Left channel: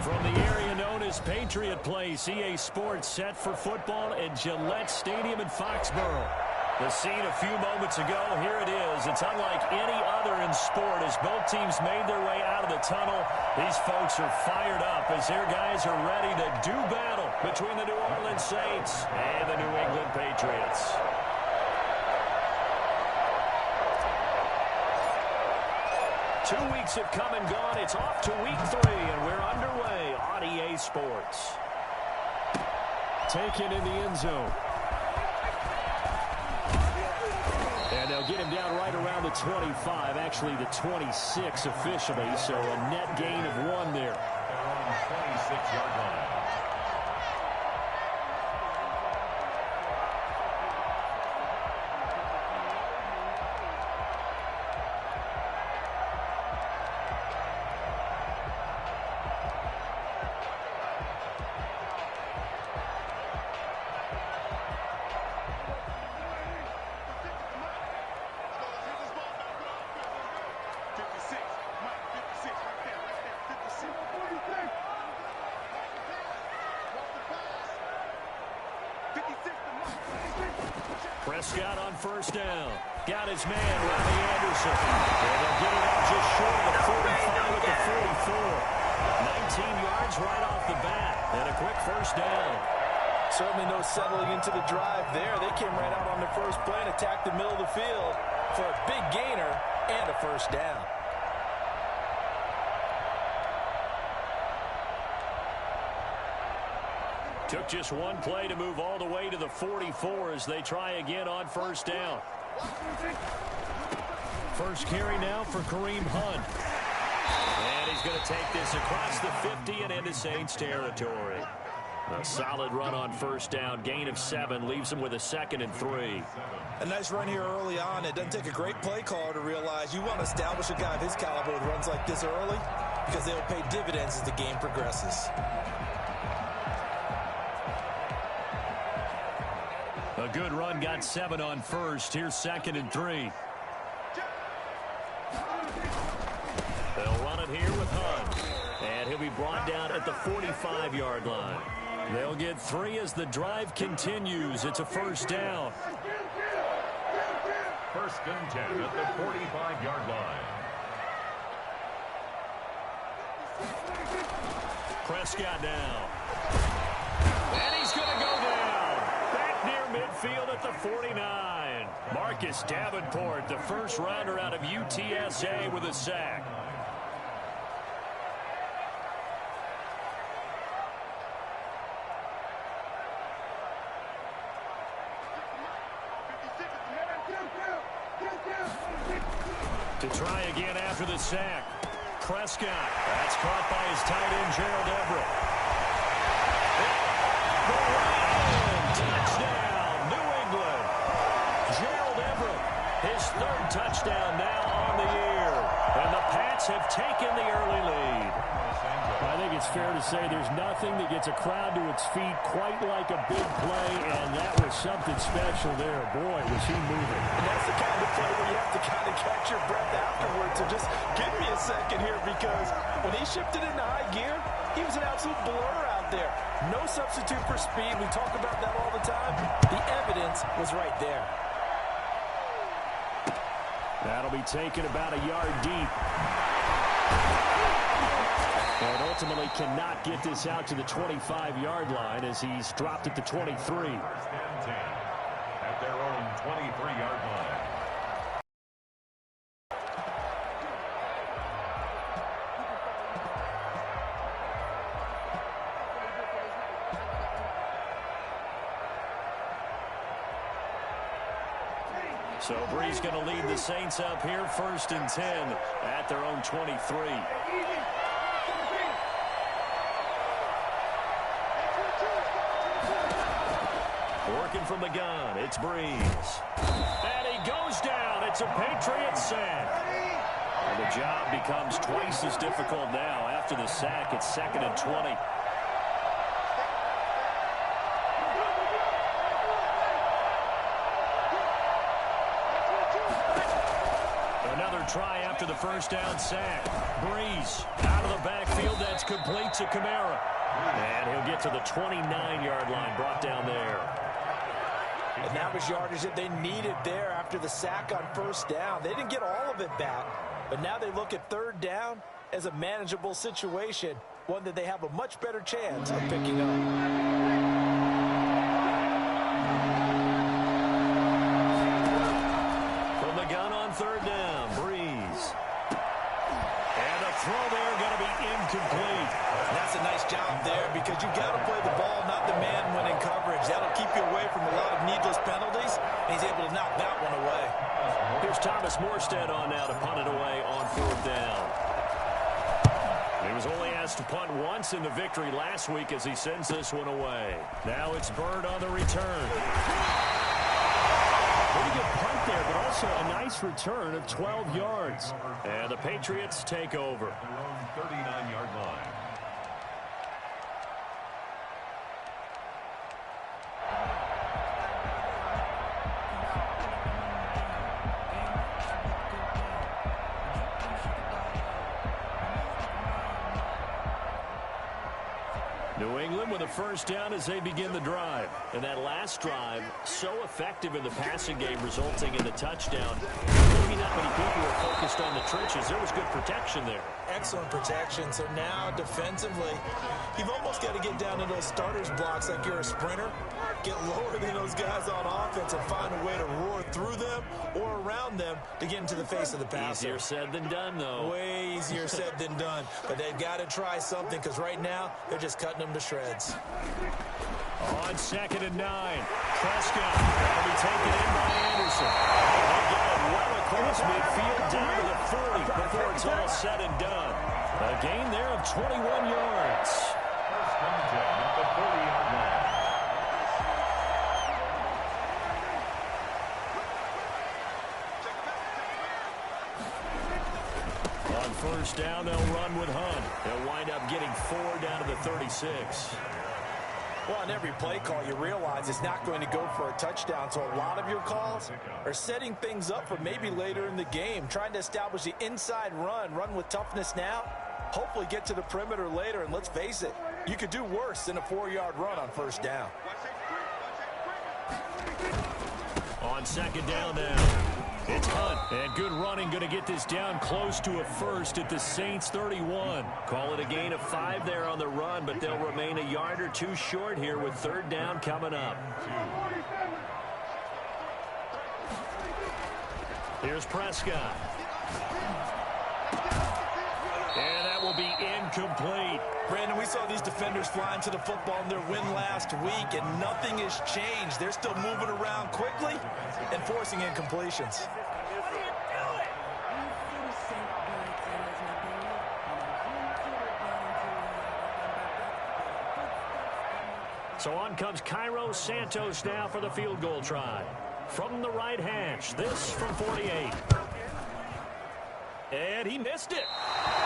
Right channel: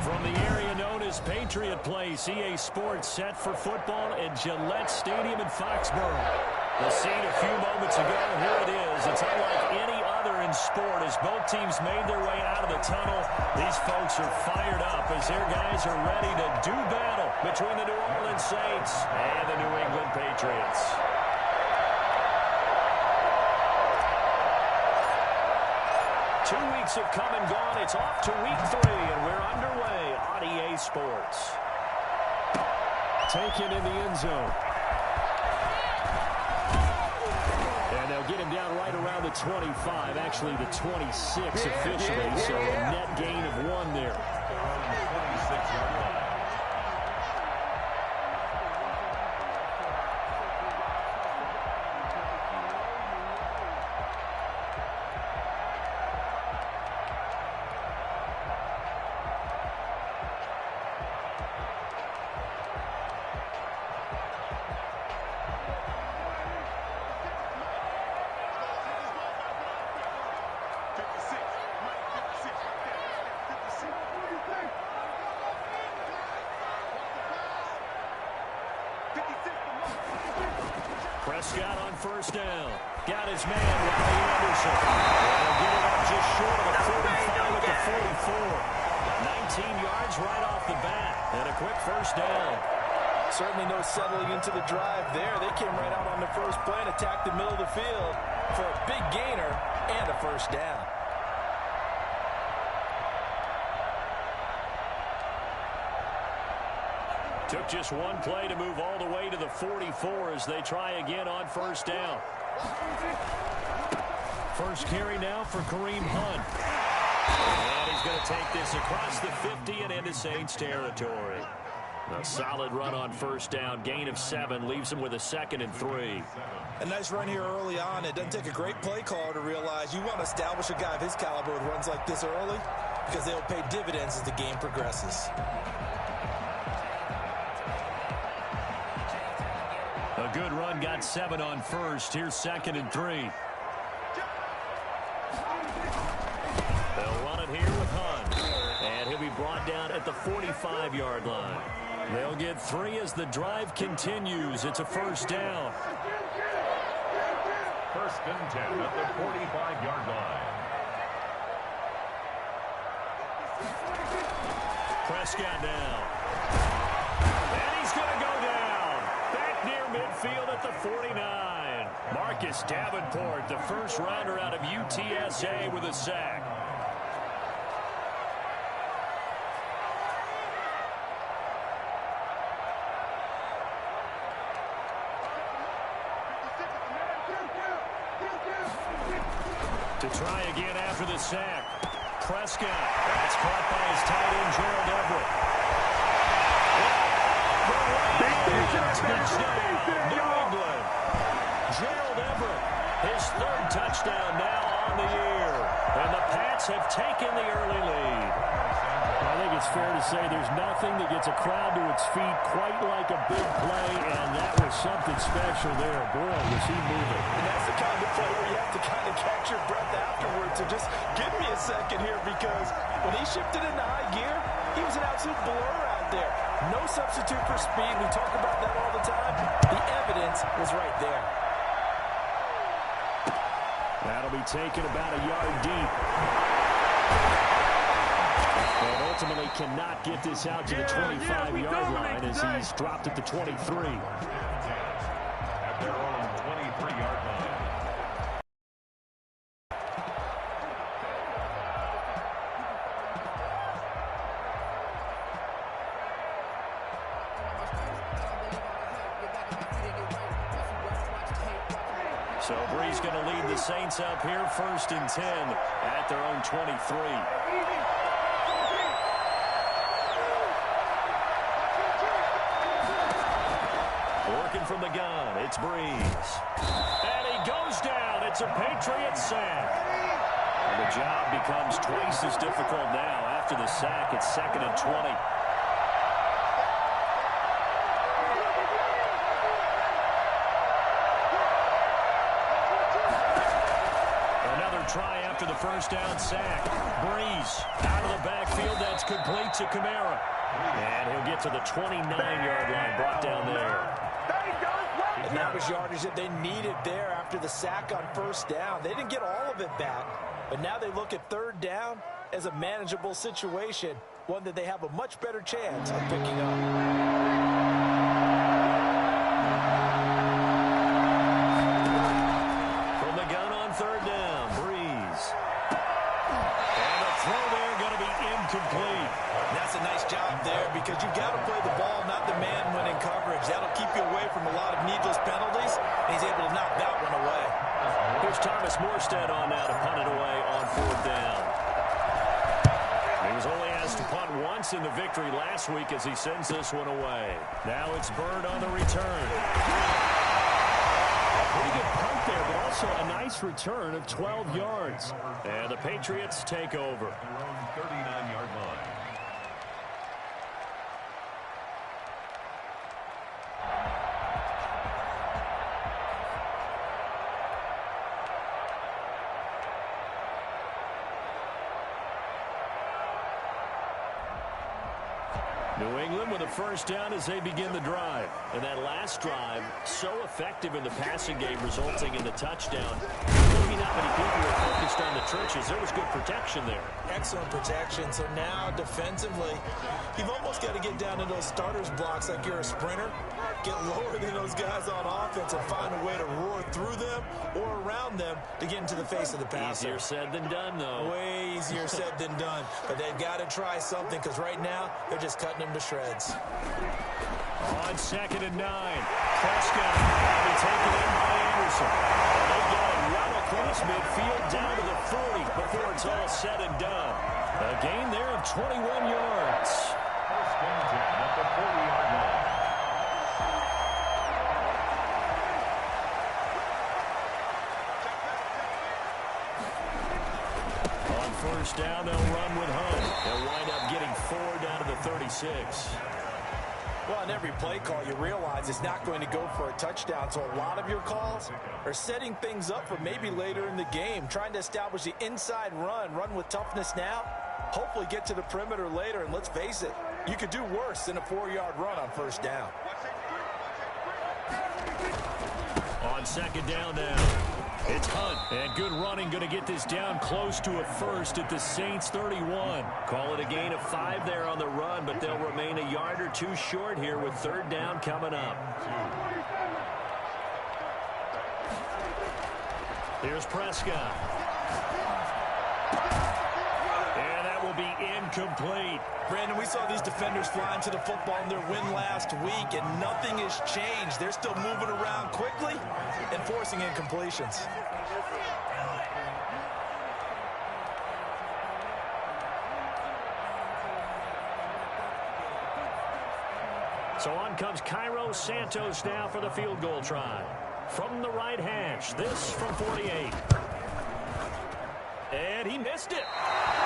From the area known as Patriot Place, EA Sports set for football at Gillette Stadium in Foxborough. The scene a few moments ago, here it is. It's unlike any other in sport as both teams made their way out of the tunnel. These folks are fired up as their guys are ready to do battle between the New Orleans Saints and the New England Patriots. Two weeks have come and gone. It's off to week 3, and we're underway on EA Sports. Taken in the end zone. And they'll get him down right around the 25, actually the 26 officially, so a net gain of 1 there. 26-yard line. Prescott on first down. Got his man, Robbie Anderson. And they'll get it up just short of the 45 at the 44. 19 yards right off the bat. And a quick first down. Certainly no settling into the drive there. They came right out on the first play and attacked the middle of the field for a big gainer and a first down. Took just one play to move all the way to the 44 as they try again on first down. First carry now for Kareem Hunt. And he's going to take this across the 50 and into Saints territory. A solid run on first down. Gain of 7 leaves him with a 2nd and 3. A nice run here early on. It doesn't take a great play caller to realize you want to establish a guy of his caliber with runs like this early because they will pay dividends as the game progresses. A good run, got 7 on first. Here's 2nd and 3. They'll run it here with Hunt. And he'll be brought down at the 45-yard line. They'll get 3 as the drive continues. It's a first down. First and 10 at the 45-yard line. Prescott now. And he's going to go down. Back near midfield at the 49. Marcus Davenport, the first rounder out of UTSA with a sack. To try again after the sack. Prescott. That's caught by his tight end, Gerald Everett. Touchdown, New England. Gerald Everett, his 3rd touchdown now on the year. And the Pats have taken the early lead. I think it's fair to say there's nothing that gets a crowd to its feet quite like a big play, and that was something special there. Boy, was he moving. And that's the kind of play where you have to kind of catch your breath afterwards. So just give me a second here, because when he shifted into high gear, he was an absolute blur out there. No substitute for speed. We talk about that all the time. The evidence was right there. That'll be taken about a yard deep. And ultimately cannot get this out to the 25-yard line as he's dropped at the 23. At their own 23-yard line. So Bree's going to lead the Saints up here, 1st and 10 at their own 23. Working from the gun, it's Breeze. And he goes down. It's a Patriot sack. And the job becomes twice as difficult now. After the sack, it's 2nd and 20. Another try after the first down sack. Breeze out of the backfield. That's complete to Kamara. And he'll get to the 29-yard line, brought down there. And that was yardage that they needed there after the sack on first down. They didn't get all of it back, but now they look at third down as a manageable situation, one that they have a much better chance of picking up. From the gun on third down, Breeze. And the throw there going to be incomplete. That's a nice job there because you've got to play the ball, not the man when in coverage. That'll keep you away from a lot of needless penalties, and he's able to knock that one away. Here's Thomas Morstead on now to punt it away on fourth down. He was only asked to punt once in the victory last week as he sends this one away. Now it's Bird on the return. Pretty good punt there, but also a nice return of 12 yards. And the Patriots take over. Their own 39-yard line. New England with a first down as they begin the drive. And that last drive, so effective in the passing game, resulting in the touchdown. Maybe not many people were focused on the trenches. There was good protection there. Excellent protection. So now defensively, you've almost got to get down to those starters blocks like you're a sprinter. Get lower than those guys on offense and find a way to roar through them or around them to get into the face of the passer. Easier said than done, though. Way easier said than done. But they've got to try something because right now they're just cutting them to shreds. On 2nd and 9, Prescott will be taken in by Anderson. And they got it well across midfield down to the 40 before it's all said and done. A gain there of 21 yards. First and 10 at the 40-yard line. On first down, they'll run with Hunt. They'll wind up getting 4 down to the 36. Well, on every play call, you realize it's not going to go for a touchdown. So a lot of your calls are setting things up for maybe later in the game, trying to establish the inside run with toughness now, hopefully get to the perimeter later. And let's face it, you could do worse than a 4-yard run on first down. On 2nd down now, it's Hunt. And good running, going to get this down close to a first at the Saints 31. Call it a gain of 5 there on the run, but they'll remain a yard or 2 short here with third down coming up. Here's Prescott. And that will be incomplete. Brandon, we saw these defenders flying to the football in their win last week, and nothing has changed. They're still moving around quickly and forcing incompletions. So on comes Cairo Santos now for the field goal try. From the right hash, this from 48. And he missed it.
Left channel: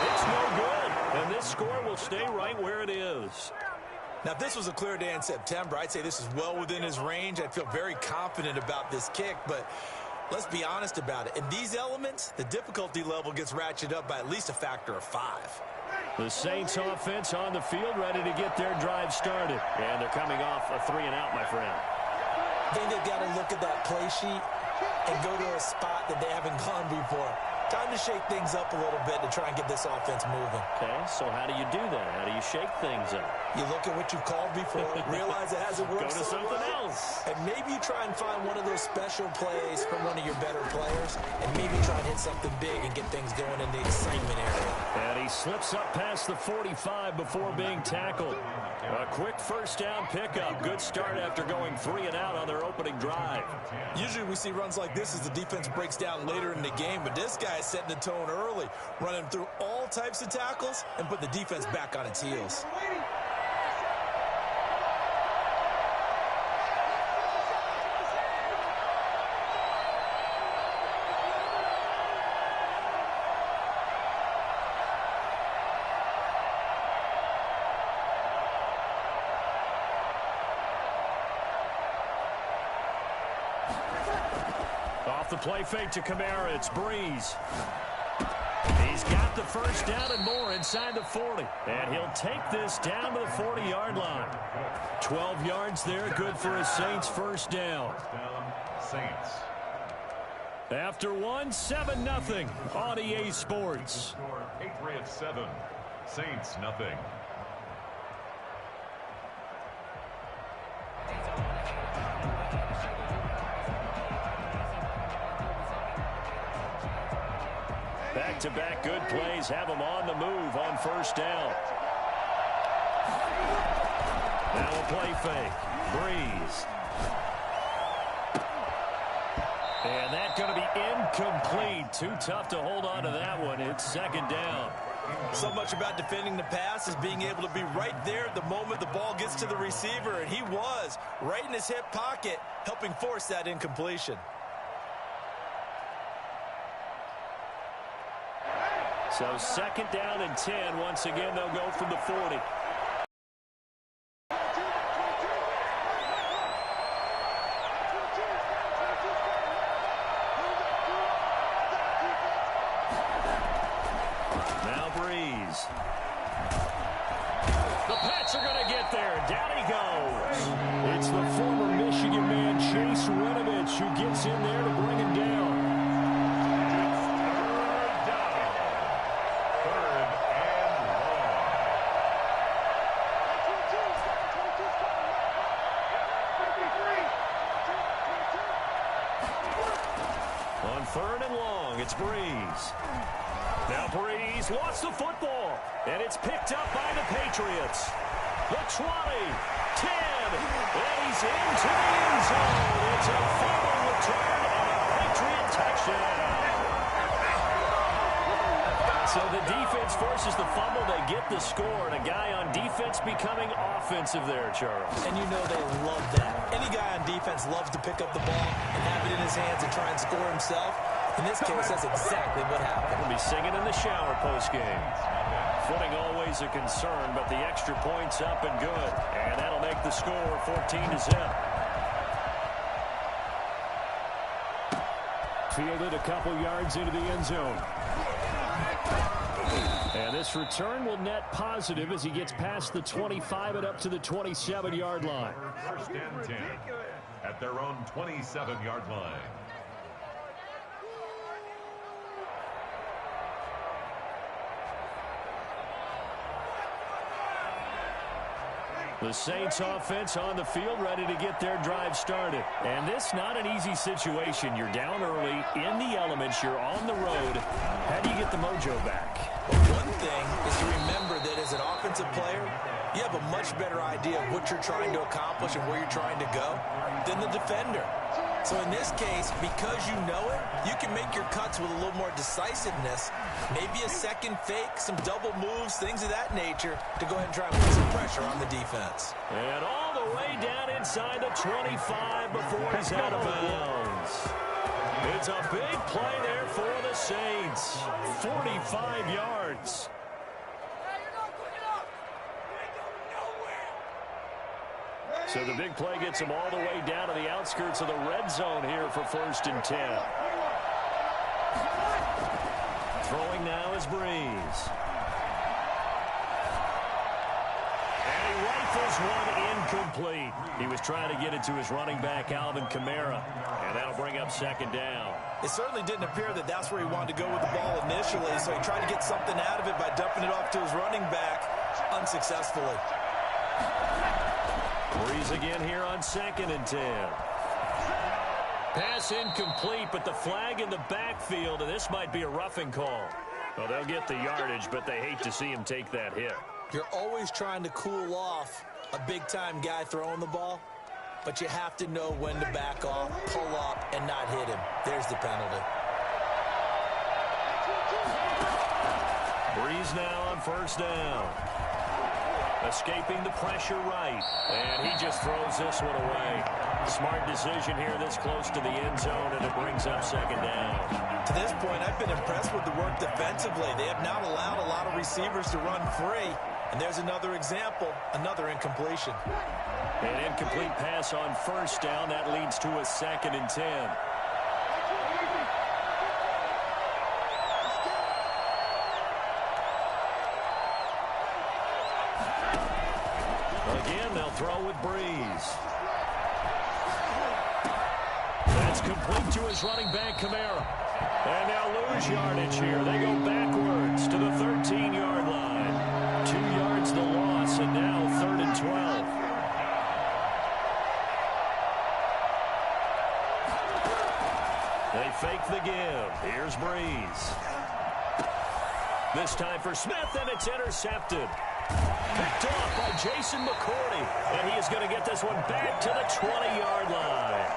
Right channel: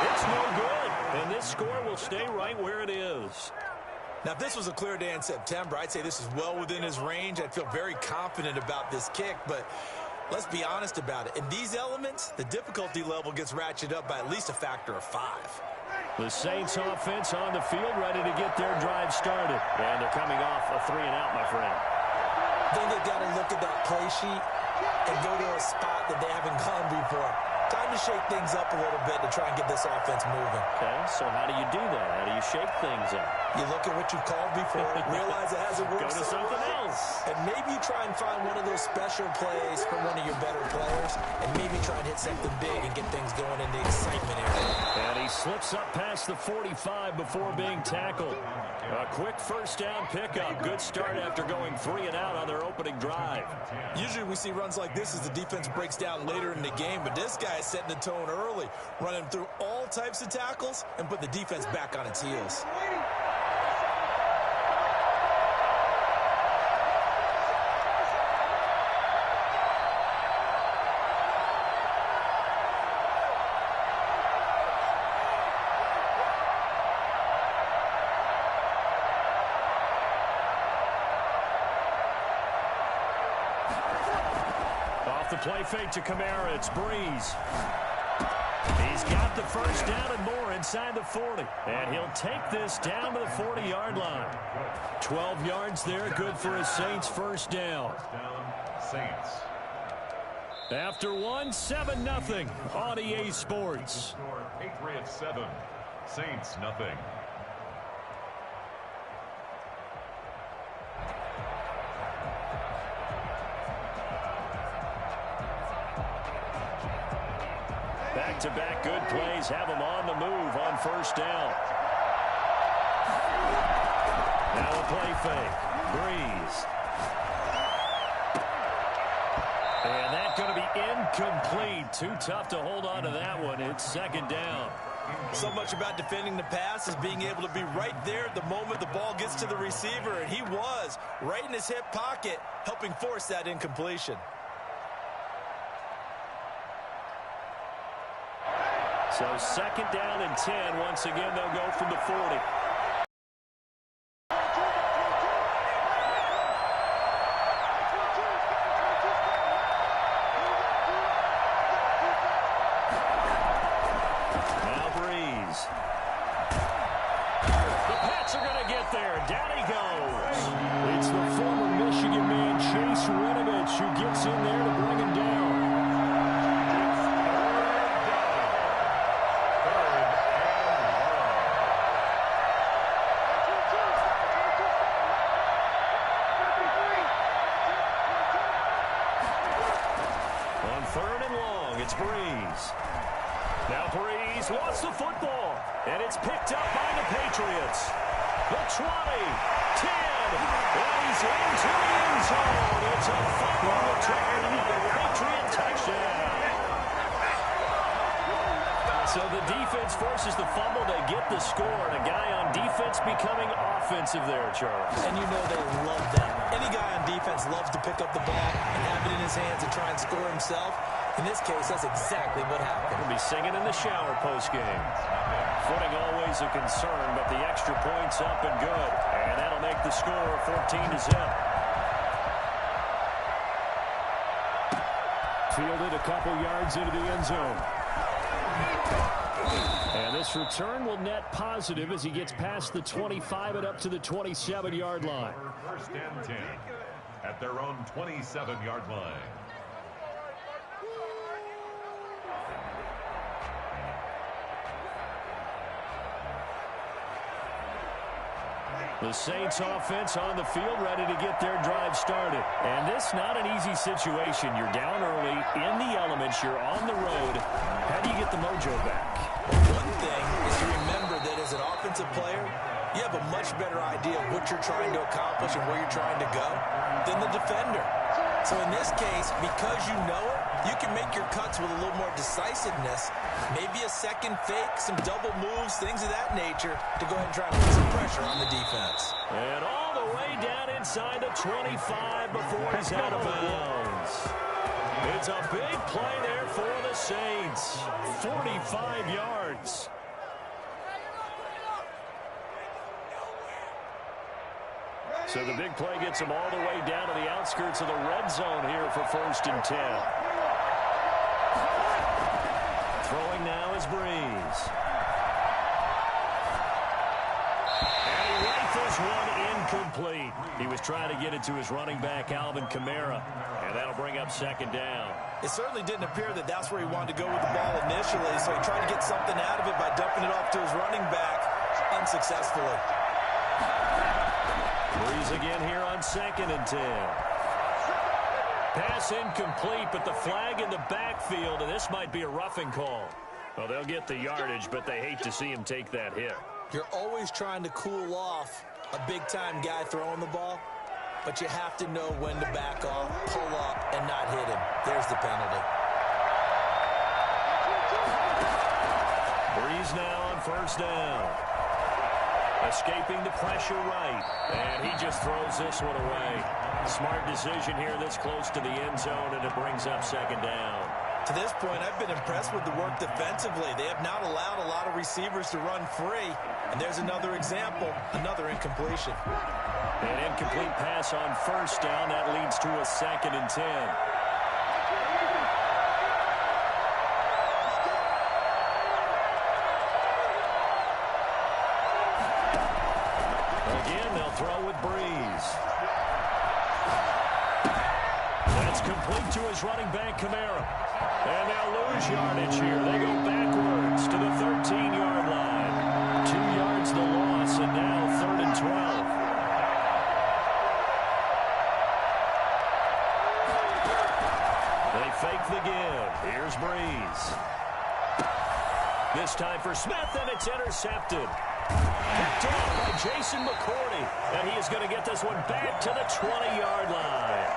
It's no good. And this score will stay right where it is. Now, if this was a clear day in September, I'd say this is well within his range. I'd feel very confident about this kick, but let's be honest about it. In these elements, the difficulty level gets ratcheted up by at least a factor of 5. The Saints offense on the field ready to get their drive started. And they're coming off a 3-and-out, my friend. I think they've got to look at that play sheet and go to a spot that they haven't gone before. Time to shake things up a little bit to try and get this offense moving. Okay, so how do you do that? How do you shake things up? You look at what you've called before, realize it hasn't worked. Go to something else. And maybe you try and find one of those special plays from one of your better players, and maybe try and hit something big and get things going in the excitement area. And he slips up past the 45 before being tackled. A quick first down pickup. Good start after going 3-and-out on their opening drive. Usually we see runs like this as the defense breaks down later in the game, but this guy is setting the tone early, running through all types of tackles and put the defense back on its heels. Off the play fake to Kamara, it's Breeze. He He's got the first down and more inside the 40. And he'll take this down to the 40-yard line. 12 yards there, good for a Saints first down. First down, Saints. After 7-0 on EA Sports. Score, Patriots 7, Saints nothing. Back-to-back good plays have them on the move on first down. Now a play fake. Breeze. And that's going to be incomplete. Too tough to hold on to that one. It's second down. So much about defending the pass is being able to be right there at the moment the ball gets to the receiver, and he was right in his hip pocket, helping force that incompletion. So second down and 10. Once again, they'll go from the 40. Now Breeze. The Pats are going to get there. Down he goes. It's the former Michigan man, Chase Winovich, who gets in there to bring him down. Third and long, it's Breeze. Now Breeze lost the football, and it's picked up by the Patriots. The 20, 10, and he's into the end zone. It's a fumble return and a Patriot touchdown. So the defense forces the fumble. They get the score, and a guy on defense becoming offensive there, Charles. And you know they love that. Any guy on defense loves to pick up the ball and have it in his hands and try and score himself. In this case, that's exactly what happened. He'll be singing in the shower postgame. Footing always a concern, but the extra point's up and good. And that'll make the score 14-0. Fielded a couple yards into the end zone. And this return will net positive as he gets past the 25 and up to the 27-yard line. First and 10 at their own 27-yard line. The Saints offense on the field, ready to get their drive started. And this not an easy situation. You're down early, in the elements, you're on the road. How do you get the mojo back? Well, one thing is to remember that as an offensive player, you have a much better idea of what you're trying to accomplish and where you're trying to go than the defender. So in this case, because you know it, you can make your cuts with a little more decisiveness, maybe a second fake, some double moves, things of that nature, to go ahead and try and put some pressure on the defense. And all the way down inside the 25 before he's out of bounds. It's a big play there for the Saints. 45 yards. So the big play gets them all the way down to the outskirts of the red zone here for first and 10. Throwing now is Breeze. And he rifles one incomplete. He was trying to get it to his running back, Alvin Kamara. And that'll bring up second down. It certainly didn't appear that that's where he wanted to go with the ball initially, so he tried to get something out of it by dumping it off to his running back unsuccessfully. Breeze again here on second and 10. Pass incomplete, but the flag in the backfield, and this might be a roughing call. Well, they'll get the yardage, but they hate to see him take that hit. You're always trying to cool off a big-time guy throwing the ball, but you have to know when to back off, pull up, and not hit him. There's the penalty. Breeze now on first down. Escaping the pressure right. And he just throws this one away. Smart decision here this close to the end zone, and it brings up second down. To this point, I've been impressed with the work defensively. They have not allowed a lot of receivers to run free. And there's another example, another incompletion. An incomplete pass on first down. That leads to a second and 10. Again, they'll throw with Breeze. That's complete to his running back, Kamara. And they'll lose yardage here. They go backwards to the 13-yard line. 2 yards the loss, and now 3rd and 12. They fake the give. Here's Breeze. This time for Smith, and it's intercepted. Picked off by Jason McCourty. And he is going to get this one back to the 20-yard line.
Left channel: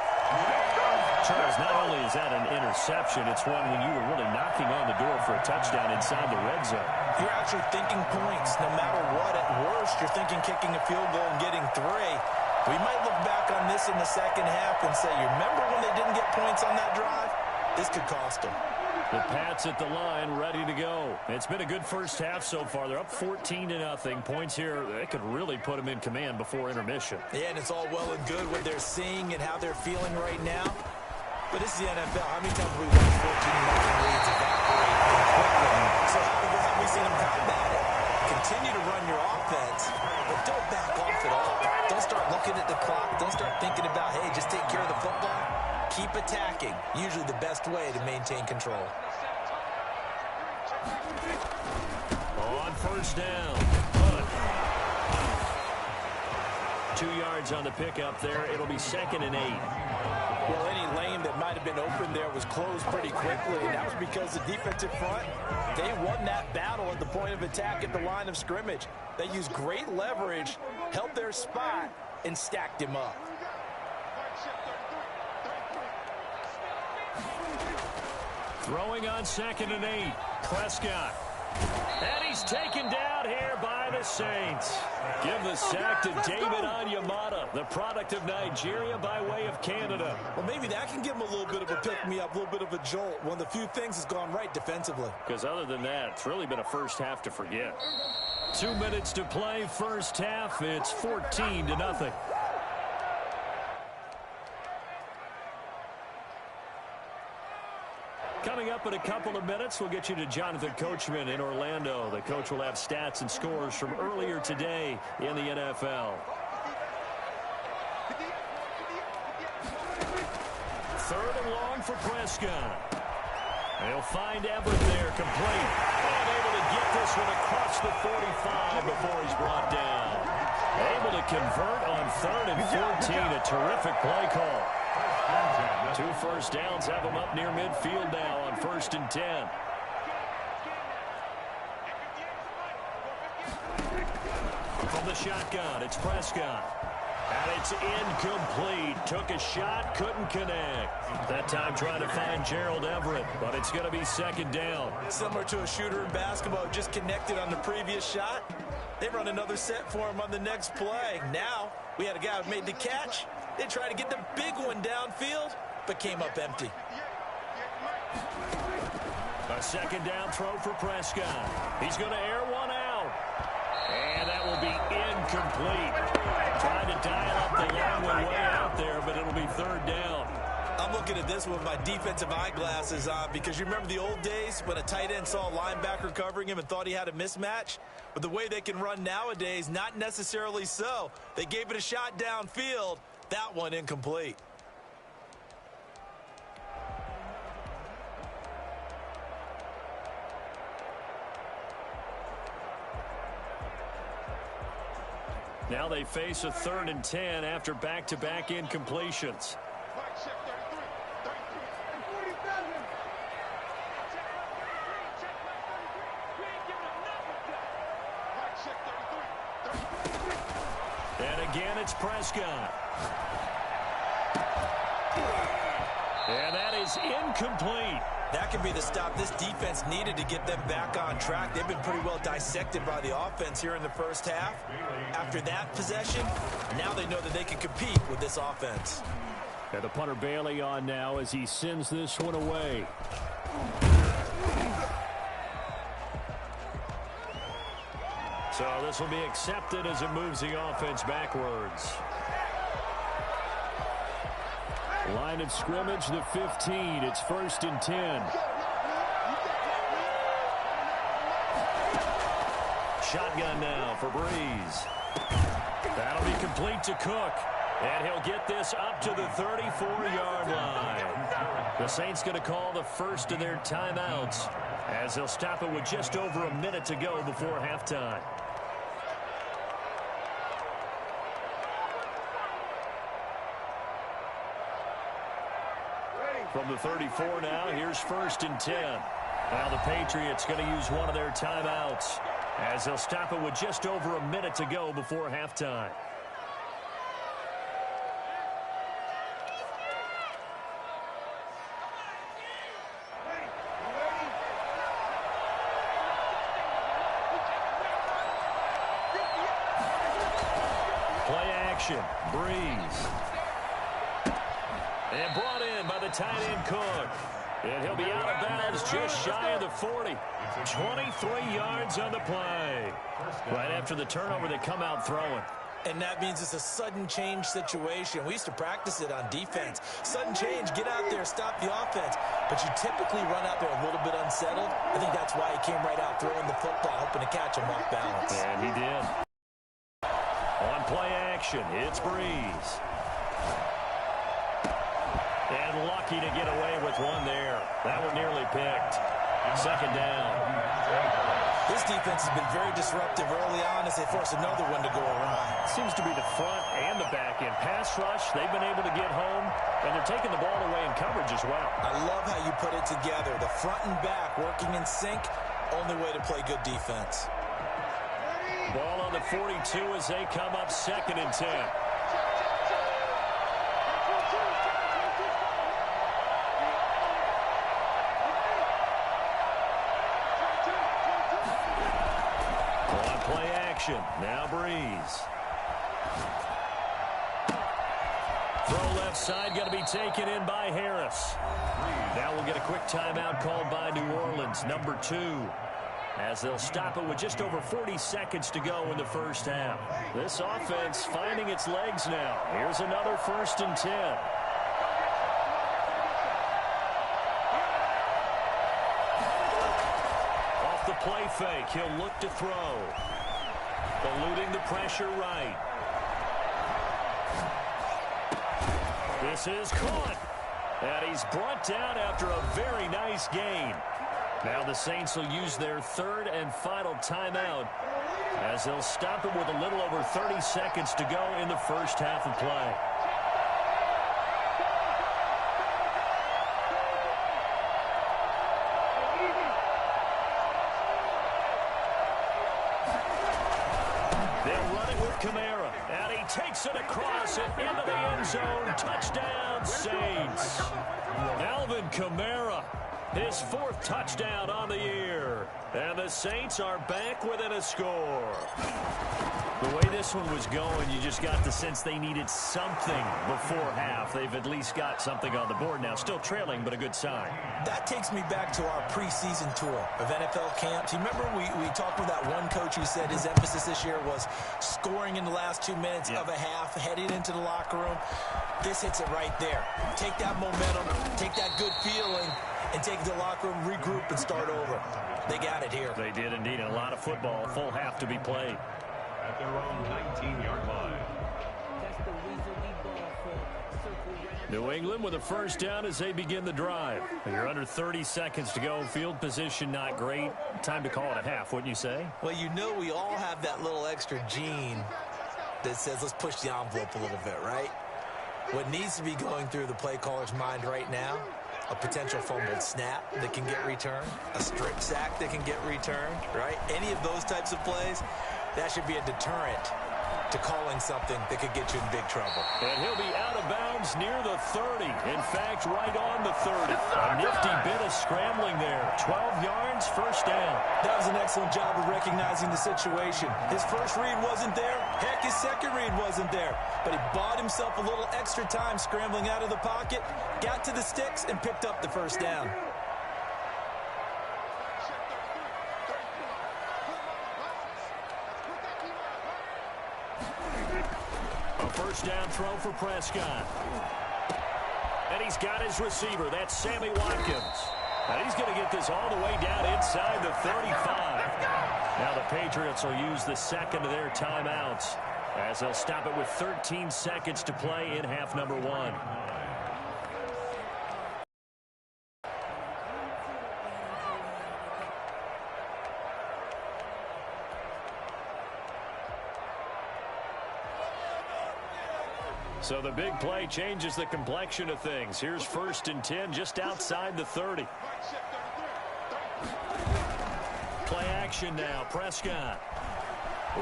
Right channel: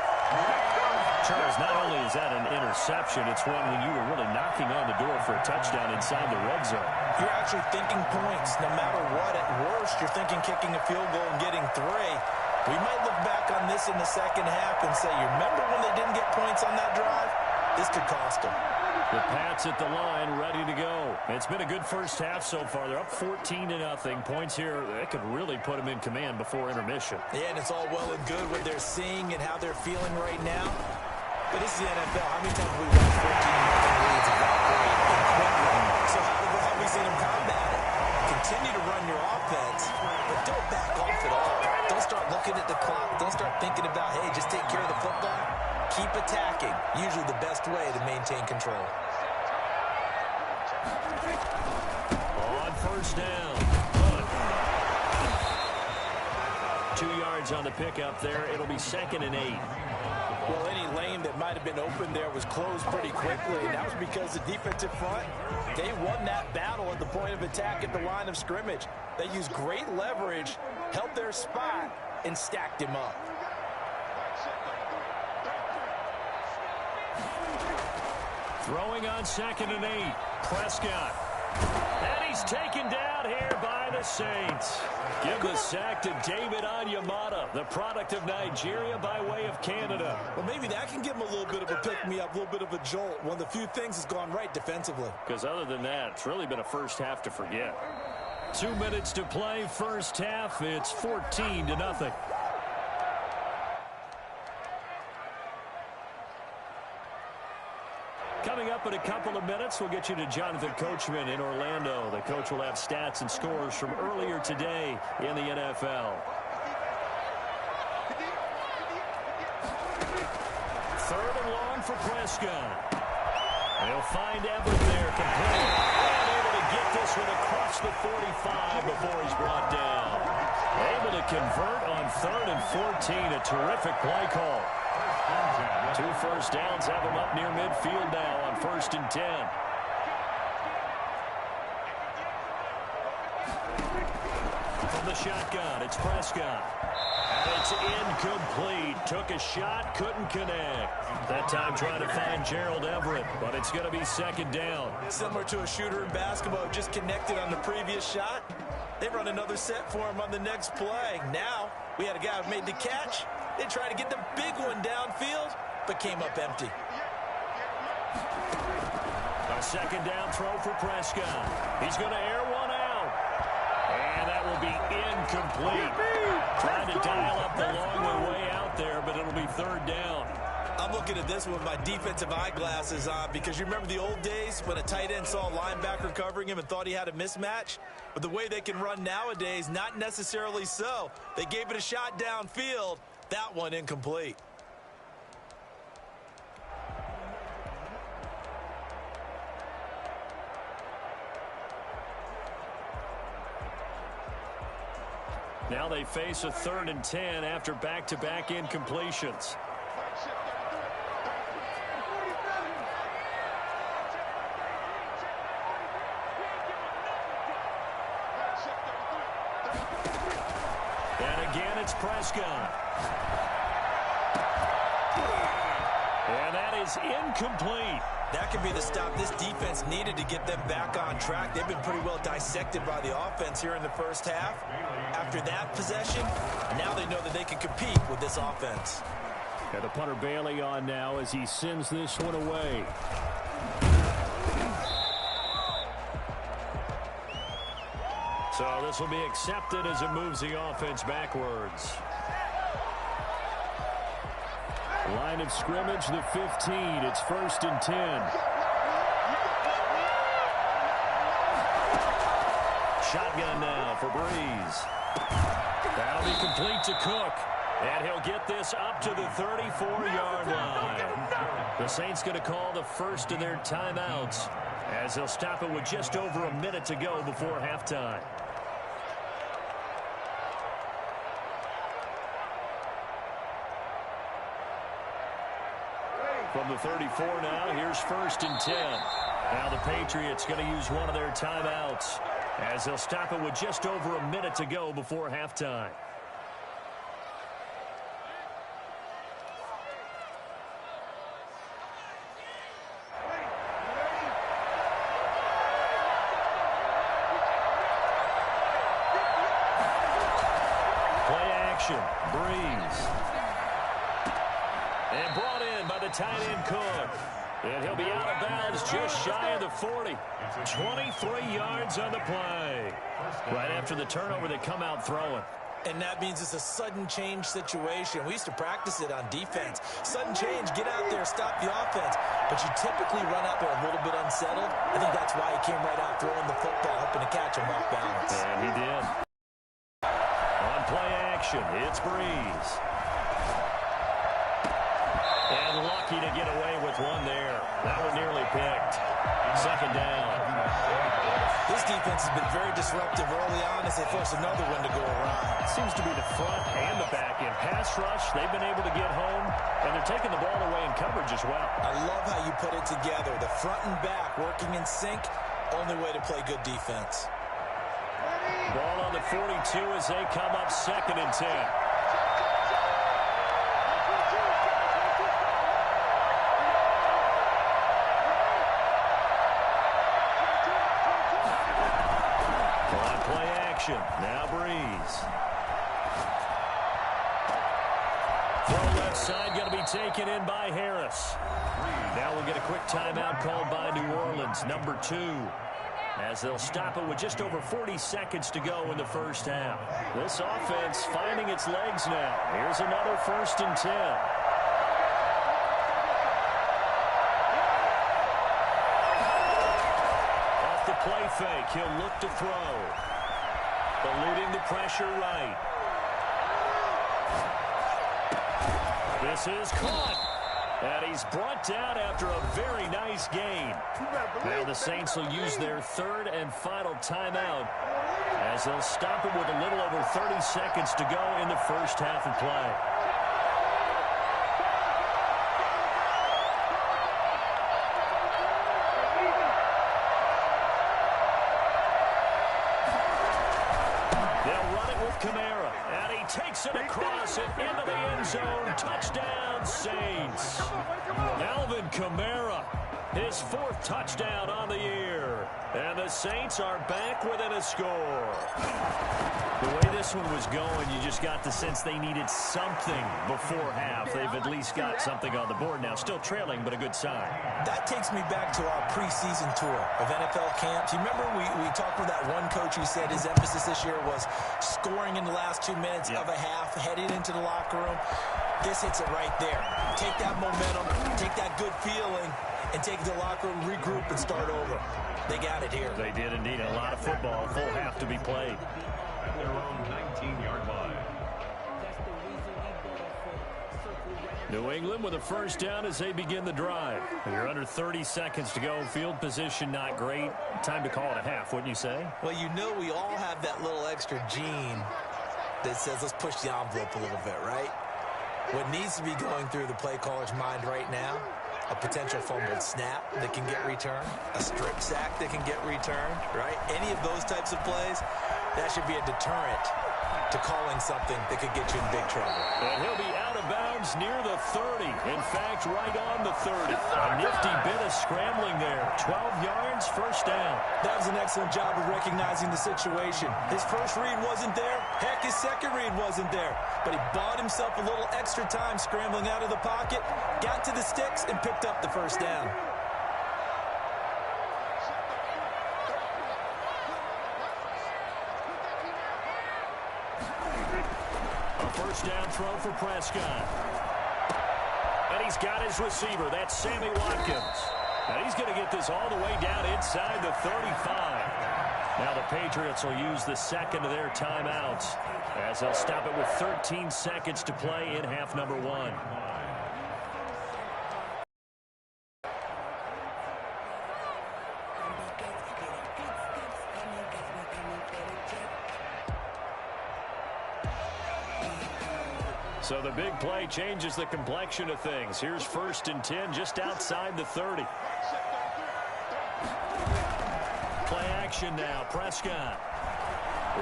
Charles, not only is that an interception, it's one when you were really knocking on the door for a touchdown inside the red zone. You're actually thinking points. No matter what, at worst, you're thinking kicking a field goal and getting 3. We might look back on this in the second half and say, you remember when they didn't get points on that drive? This could cost them. The Pats at the line, ready to go. It's been a good first half so far. They're up 14-0. Points here, that could really put them in command before intermission. Yeah, and it's all well and good what they're seeing and how they're feeling right now. But this is the NFL. How many times have we watched 14-0 leads evaporate quickly? So how have we seen them combat it? Continue to run your offense, but don't back off at all. Don't start looking at the clock. Don't start thinking about, hey, just take care of the football. Keep attacking. Usually the best way to maintain control. On first down. 2 yards on the pickup there. It'll be 2nd and 8. Well, any lane that might have been open there was closed pretty quickly, and that was because the defensive front, they won that battle at the point of attack at the line of scrimmage. They used great leverage, held their spot, and stacked him up. Throwing on 2nd and 8. Prescott. And he's taken down here by the Saints. Give the sack to David Onyemata, the product of Nigeria by way of Canada. Well, maybe that can give him a little bit of a pick-me-up, a little bit of a jolt. One of the few things has gone right defensively. Because other than that, it's really been a first half to forget. 2 minutes to play, first half. It's 14-0. Coming up in a couple of minutes, we'll get you to Jonathan Coachman in Orlando. The coach will have stats and scores from earlier today in the NFL. 3rd and long for Prescott. They'll find Everett there, complete. And able to get this one across the 45 before he's brought down. Able to convert on 3rd and 14. A terrific play call. 2 first downs have them up near midfield now on 1st and 10. From the shotgun, it's Prescott. And it's incomplete. Took a shot, couldn't connect. That time trying to find Gerald Everett, but it's going to be 2nd down. Similar to a shooter in basketball, just connected on the previous shot. They run another set for him on the next play. Now, we had a guy who made the catch. They tried to get the big one downfield, but came up empty. A 2nd down throw for Prescott. He's going to air one out. And that will be incomplete. Trying to dial up the long way out there, but it'll be 3rd down. I'm looking at this with my defensive eyeglasses on because you remember the old days when a tight end saw a linebacker covering him and thought he had a mismatch? But the way they can run nowadays, not necessarily so. They gave it a shot downfield. That one incomplete. Now they face a 3rd and 10 after back-to-back incompletions. And again, it's Prescott. And that is incomplete. That could be the stop this defense needed to get them back on track. They've been pretty well dissected by the offense here in the first half. After that possession, now they know that they can compete with this offense. And the punter Bailey on now as he sends this one away. So this will be accepted as it moves the offense backwards. Line of scrimmage, the 15. It's 1st and 10. Shotgun now for Breeze. That'll be complete to Cook. And he'll get this up to the 34-yard line. The Saints going to call the first of their timeouts as they'll stop it with just over a minute to go before halftime. From the 34 now, here's 1st and 10. Now the Patriots going to use one of their timeouts as they'll stop it with just over a minute to go before halftime. Play action, Breeze. And brought in by the tight end Cook. And he'll be out of bounds just shy of the 40. 23 yards on the play. Right after the turnover, they come out throwing. And that means it's a sudden change situation. We used to practice it on defense. Sudden change, get out there, stop the offense. But you typically run out there a little bit unsettled. I think that's why he came right out throwing the football, hoping to catch him off balance. And he did. On play action, it's Breeze. And lucky to get away with one there. That one nearly picked. 2nd down. This defense has been very disruptive early on as they force another one to go awry. Seems to be the front and the back end. Pass rush, they've been able to get home, and they're taking the ball away in coverage as well. I love how you put it together. The front and back working in sync, only way to play good defense. Ball on the 42 as they come up 2nd and 10. Play action. Now Breeze. Throw left side going to be taken in by Harris. Now we'll get a quick timeout called by New Orleans, number 2. As they'll stop it with just over 40 seconds to go in the first half. This offense finding its legs now. Here's another 1st and 10. Off the play fake, he'll look to throw. Eluding the pressure right. This is caught. And he's brought down after a very nice gain. Now the Saints will use their 3rd and final timeout as they'll stop it with a little over 30 seconds to go in the first half of play. Kamara, and he takes it across and into the end zone. Touchdown, Saints. Alvin Kamara, his 4th touchdown on the year. And the Saints are back within a score. The way this one was going, you just got the sense they needed something before half. They've at least got something on the board now. Still trailing, but a good sign. That takes me back to our preseason tour of NFL camps. You remember we talked with that one coach who said his emphasis this year was scoring in the last 2 minutes of a half, heading into the locker room. This hits it right there. Take that momentum, take that good feeling, and take it to the locker room, regroup, and start over. They got it here. They did indeed. A lot of football, full half to be played. At their own 19-yard line. New England with a 1st down as they begin the drive. You're under 30 seconds to go. Field position not great. Time to call it a half, wouldn't you say? Well, you know we all have that little extra gene that says let's push the envelope a little bit, right? What needs to be going through the play caller's mind right now, a potential fumbled snap that can get returned, a strip sack that can get returned, right? Any of those types of plays, that should be a deterrent to calling something that could get you in big trouble. And he'll be out of bounds near the 30. In fact, right on the 30. A nifty bit of scrambling there. 12 yards, 1st down. That was an excellent job of recognizing the situation. His first read wasn't there. Heck, his second read wasn't there. But he bought himself a little extra time scrambling out of the pocket, got to the sticks, and picked up the 1st down. A 1st down throw for Prescott. And he's got his receiver. That's Sammy Watkins. And he's going to get this all the way down inside the 35. Now the Patriots will use the 2nd of their timeouts as they'll stop it with 13 seconds to play in half number 1. So the big play changes the complexion of things. Here's 1st and 10 just outside the 30. Play action now. Prescott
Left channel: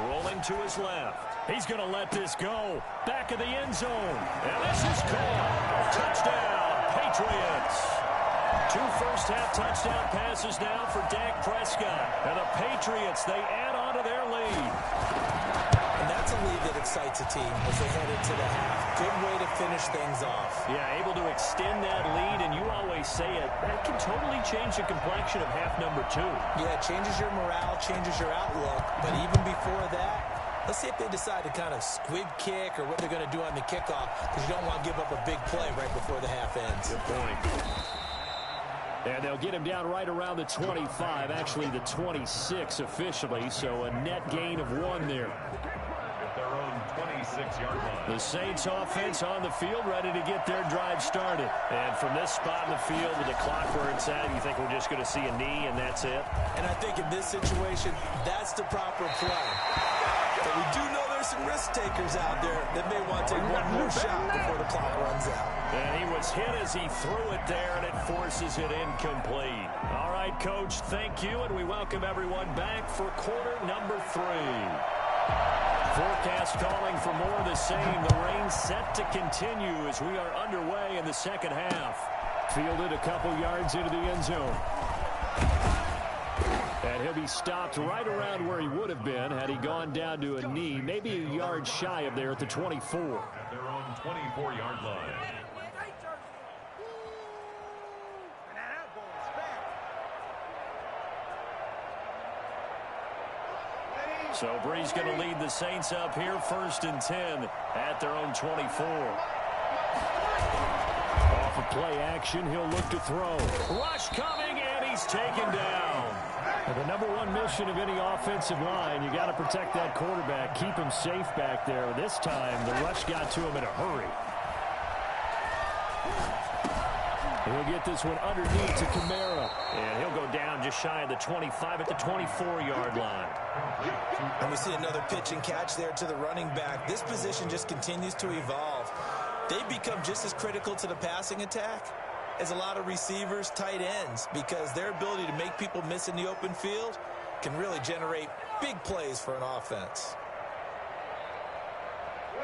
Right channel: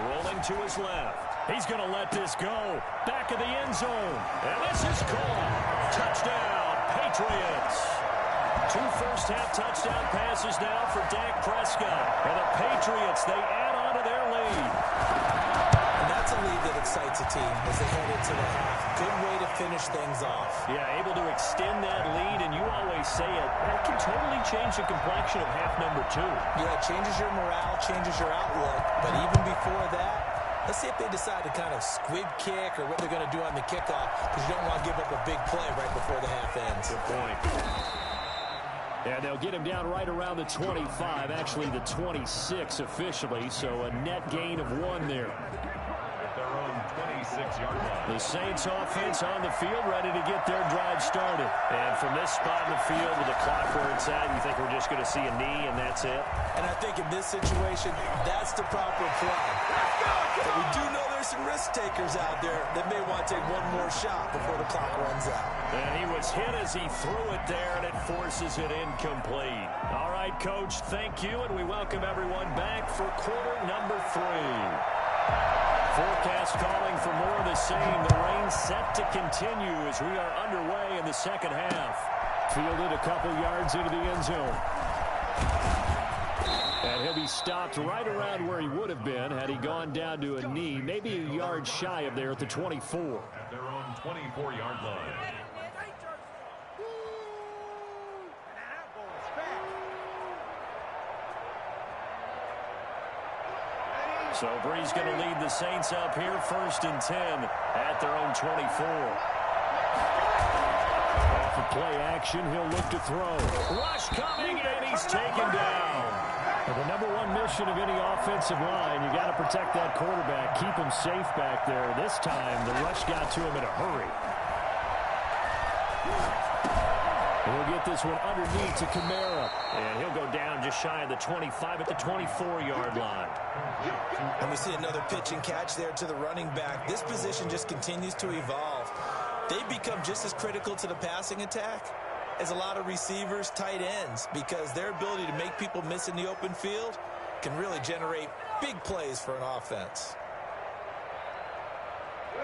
rolling to his left. He's going to let this go. Back of the end zone. And this is caught. Touchdown, Patriots. 2 first-half touchdown passes now for Dak Prescott. And the Patriots, they add on to their lead. And that's a lead that excites a team as they head into the half. Good way to finish things off. Yeah, able to extend that lead, and you always say it, that can totally change the complexion of half number 2. Yeah, it changes your morale, changes your outlook. But even before that, let's see if they decide to kind of squib kick or what they're going to do on the kickoff, because you don't want to give up a big play right before the half ends. Good point. And they'll get him down right around the 25, actually the 26 officially, so a net gain of 1 there. At their own 26-yard line. The Saints offense on the field, ready to get their drive started. And from this spot in the field with the clock where it's at, you think we're just going to see a knee and that's it? And I think in this situation, that's the proper play. But we do know there's some risk takers out there that may want to take one more shot before the clock runs out. And he was hit as he threw it there, and it forces it incomplete. All right, Coach, thank you, and we welcome everyone back for quarter number 3. Forecast calling for more of the same. The rain set to continue as we are underway in the second half. Fielded a couple yards into the end zone. And he'll be stopped right around where he would have been had he gone down to a knee, maybe a yard shy of there at the 24. At their own 24-yard line. So Bree's going to lead the Saints up here, 1st and 10 at their own 24. Off of play action, he'll look to throw. Rush coming, and he's taken down. And the number 1 mission of any offensive line, you got to protect that quarterback, keep him safe back there. This time, the rush got to him in a hurry. And he'll get this one underneath to Kamara. And he'll go down just shy of the 25 at the 24-yard line. And we see another pitch and catch there to the running back. This position just continues to evolve. They become just as critical to the passing attack as a lot of receivers, tight ends, because their ability to make people miss in the open field can really generate big plays for an offense.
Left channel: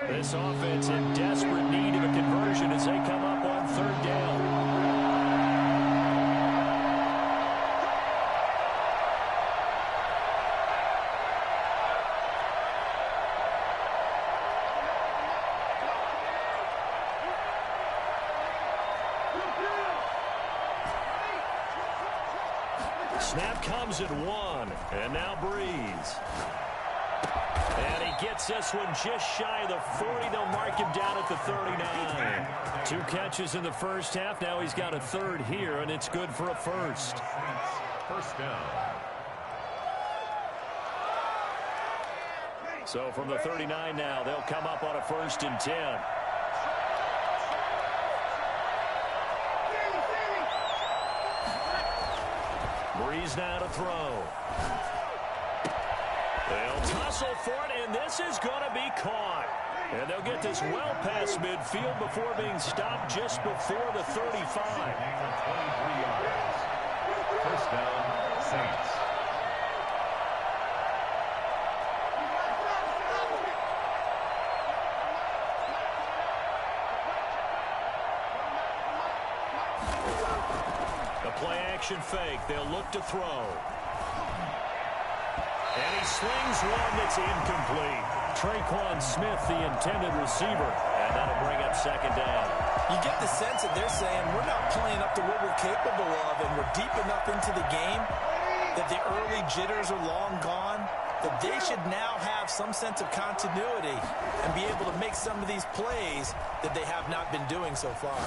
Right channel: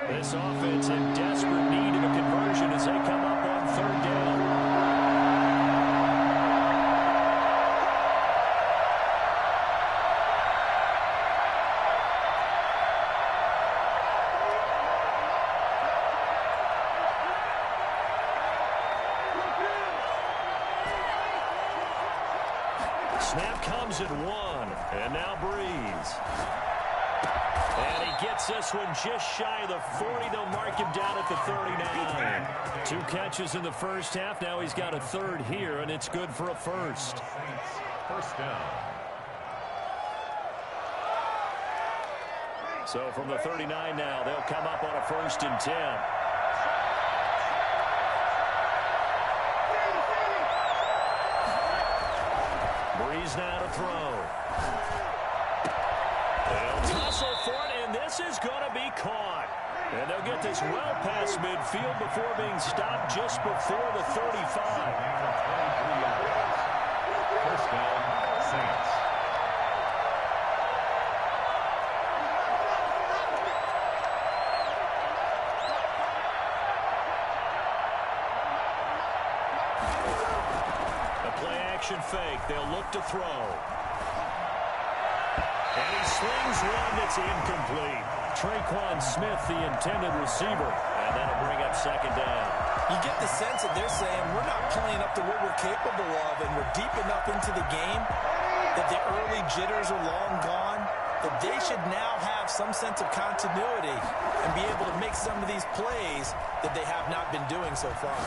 This offense in desperate need of a conversion as they come up on 3rd down. Snap comes at 1, and now Breeze. And he gets this one just shy of the 40. They'll mark him down at the 39. 2 catches in the first half. Now he's got a 3rd here, and it's good for a 1st. First down. So from the 39 now, they'll come up on a 1st and 10. Breeze now to throw. They'll tussle for it, and this is going to be caught. And they'll get this well past midfield before being stopped just before the 35. 23 yards. First down, Saints. Play-action fake. They'll look to throw. And he slings one that's incomplete. Traquan Smith, the intended receiver. And that'll bring up 2nd down. You get the sense that they're saying we're not playing up to what we're capable of, and we're deep enough into the game that the early jitters are long gone, that they should now have some sense of continuity and be able to make some of these plays that they have not been doing so far.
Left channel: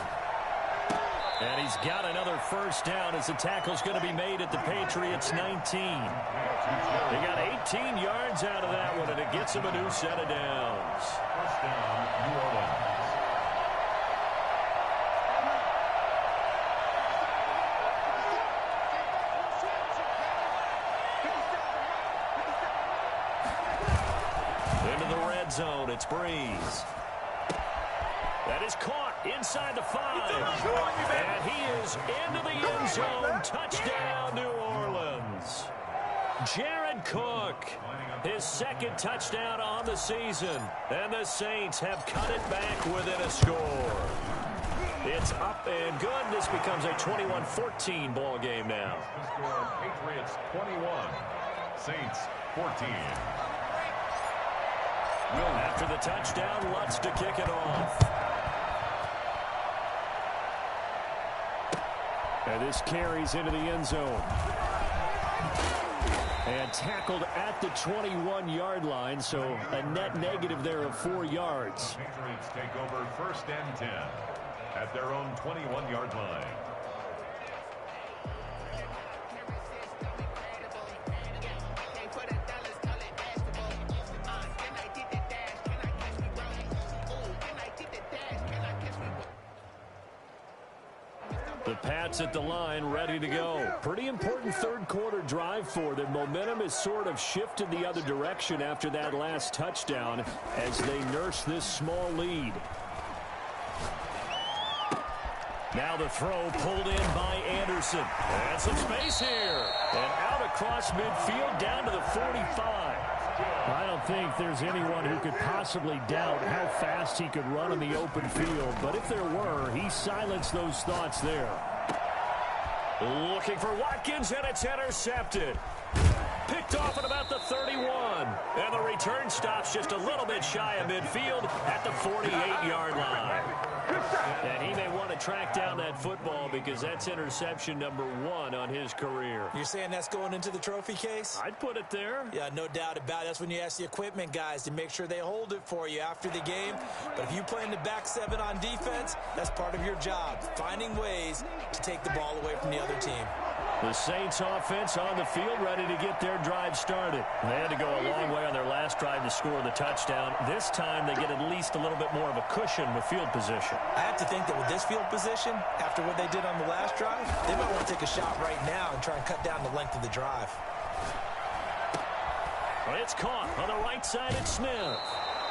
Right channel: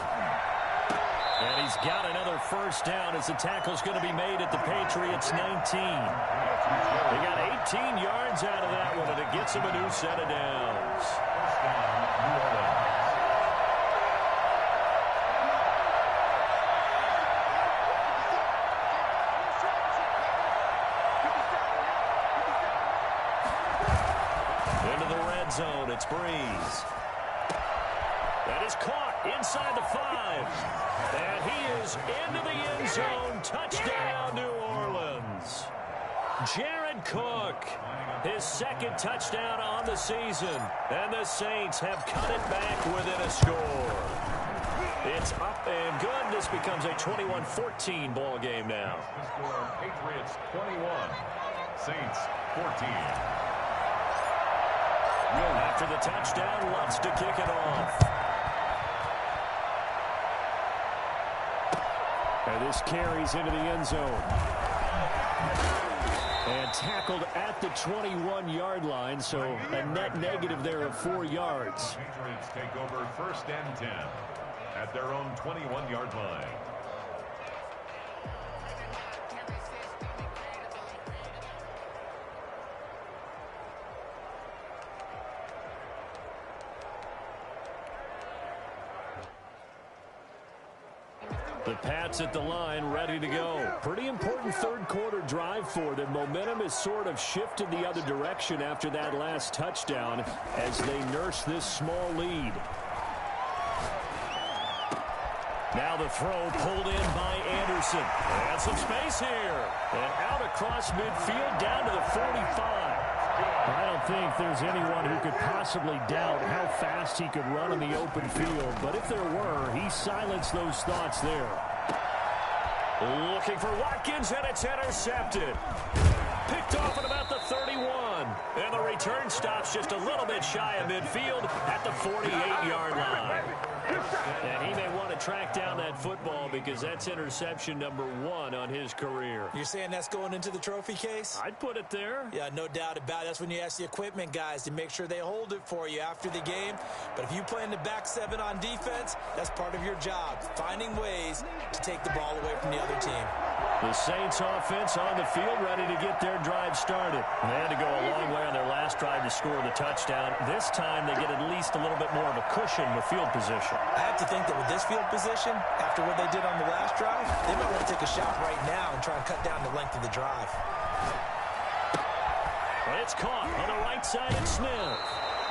And he's got another first down as the tackle's going to be made at the Patriots' 19. They got 18 yards out of that one, and it gets him a new set of downs. First down, New Orleans. Into the red zone, it's Breeze. That is caught inside the 5. And he is into the end zone. Touchdown, New Orleans. Jared Cook, his second touchdown on the season. And the Saints have cut it back within a score. It's up and good. This becomes a 21-14 ball game now. The score, Patriots 21, Saints 14. After the touchdown, Lutz to kick it off. And this carries into the end zone. And tackled at the 21-yard line, so a net negative there of 4 yards. Patriots take over first and 10 at their own 21-yard line. The Pats at the line, ready to go. Pretty important third-quarter drive for them. Momentum has sort of shifted the other direction after that last touchdown as they nurse this small lead. Now the throw pulled in by Anderson. And some space here. And out across midfield down to the 45. I don't think there's anyone who could possibly doubt how fast he could run in the open field. But if there were, he silenced those thoughts there. Looking for Watkins, and it's intercepted. Picked off at about the 31. And the return stops just a little bit shy of midfield at the 48-yard line. And he may want to track down that football because that's interception number 1 on his career. You're saying that's going into the trophy case? I'd put it there. Yeah, no doubt about it. That's when you ask the equipment guys to make sure they hold it for you after the game. But if you play in the back 7 on defense, that's part of your job, finding ways to take the ball away from the other team. The Saints offense on the field, ready to get their drive started. They had to go a long way on their last drive to score the touchdown. This time they get at least a little bit more of a cushion with field position. I have to think that with this field position, after what they did on the last drive, they might want to take a shot right now and try and cut down the length of the drive. Well, it's caught on the right side at Smith.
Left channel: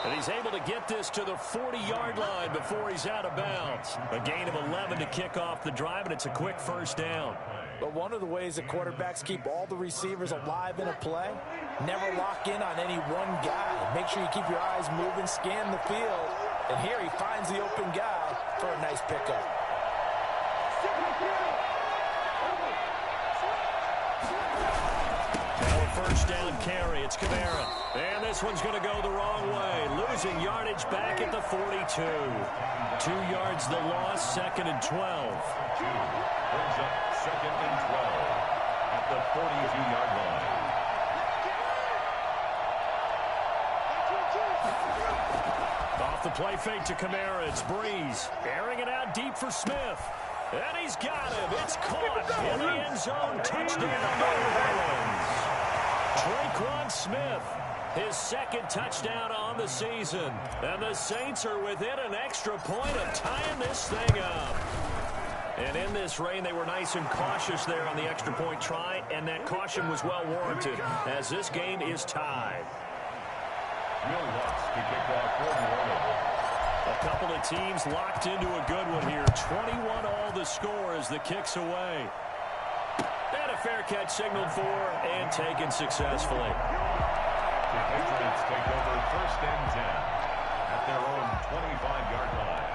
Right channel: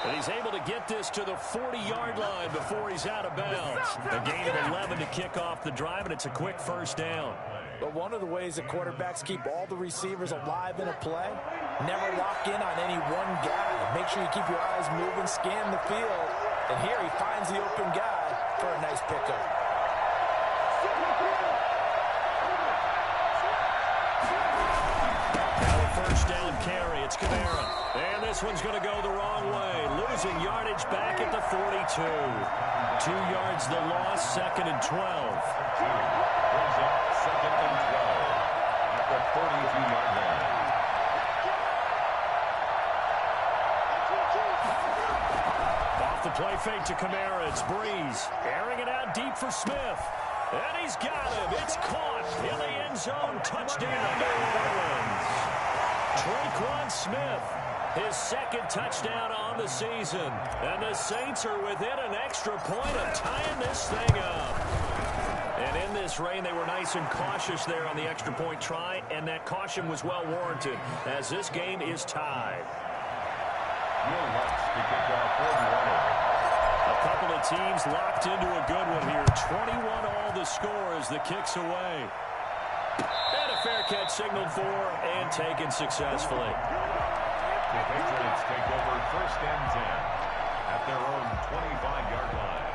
And he's able to get this to the 40-yard line before he's out of bounds. A gain of 11 to kick off the drive, and it's a quick first down. But one of the ways that quarterbacks keep all the receivers alive in a play, never lock in on any one guy. Make sure you keep your eyes moving, scan the field. And here he finds the open guy for a nice pickup. Now a first down carry. It's Kamara. And this one's going to go the wrong way. Losing yardage back at the 42. 2 yards the loss, 2nd and 12. Brings up 2nd and 12 at the 42-yard line. Off the play fake to Kamara. It's Breeze. Airing it out deep for Smith. And he's got him. It's caught in the end zone. Touchdown, New Orleans. Traquan Smith, his 2nd touchdown on the season. And the Saints are within an extra point of tying this thing up. And in this rain, they were nice and cautious there on the extra point try, and that caution was well warranted as this game is tied. Will Lutz to kick off for New Orleans. A couple of teams locked into a good one here. 21 all the score as the kick's away. And a fair catch signaled for and taken successfully. The Patriots take over first and 10 at their own 25-yard line.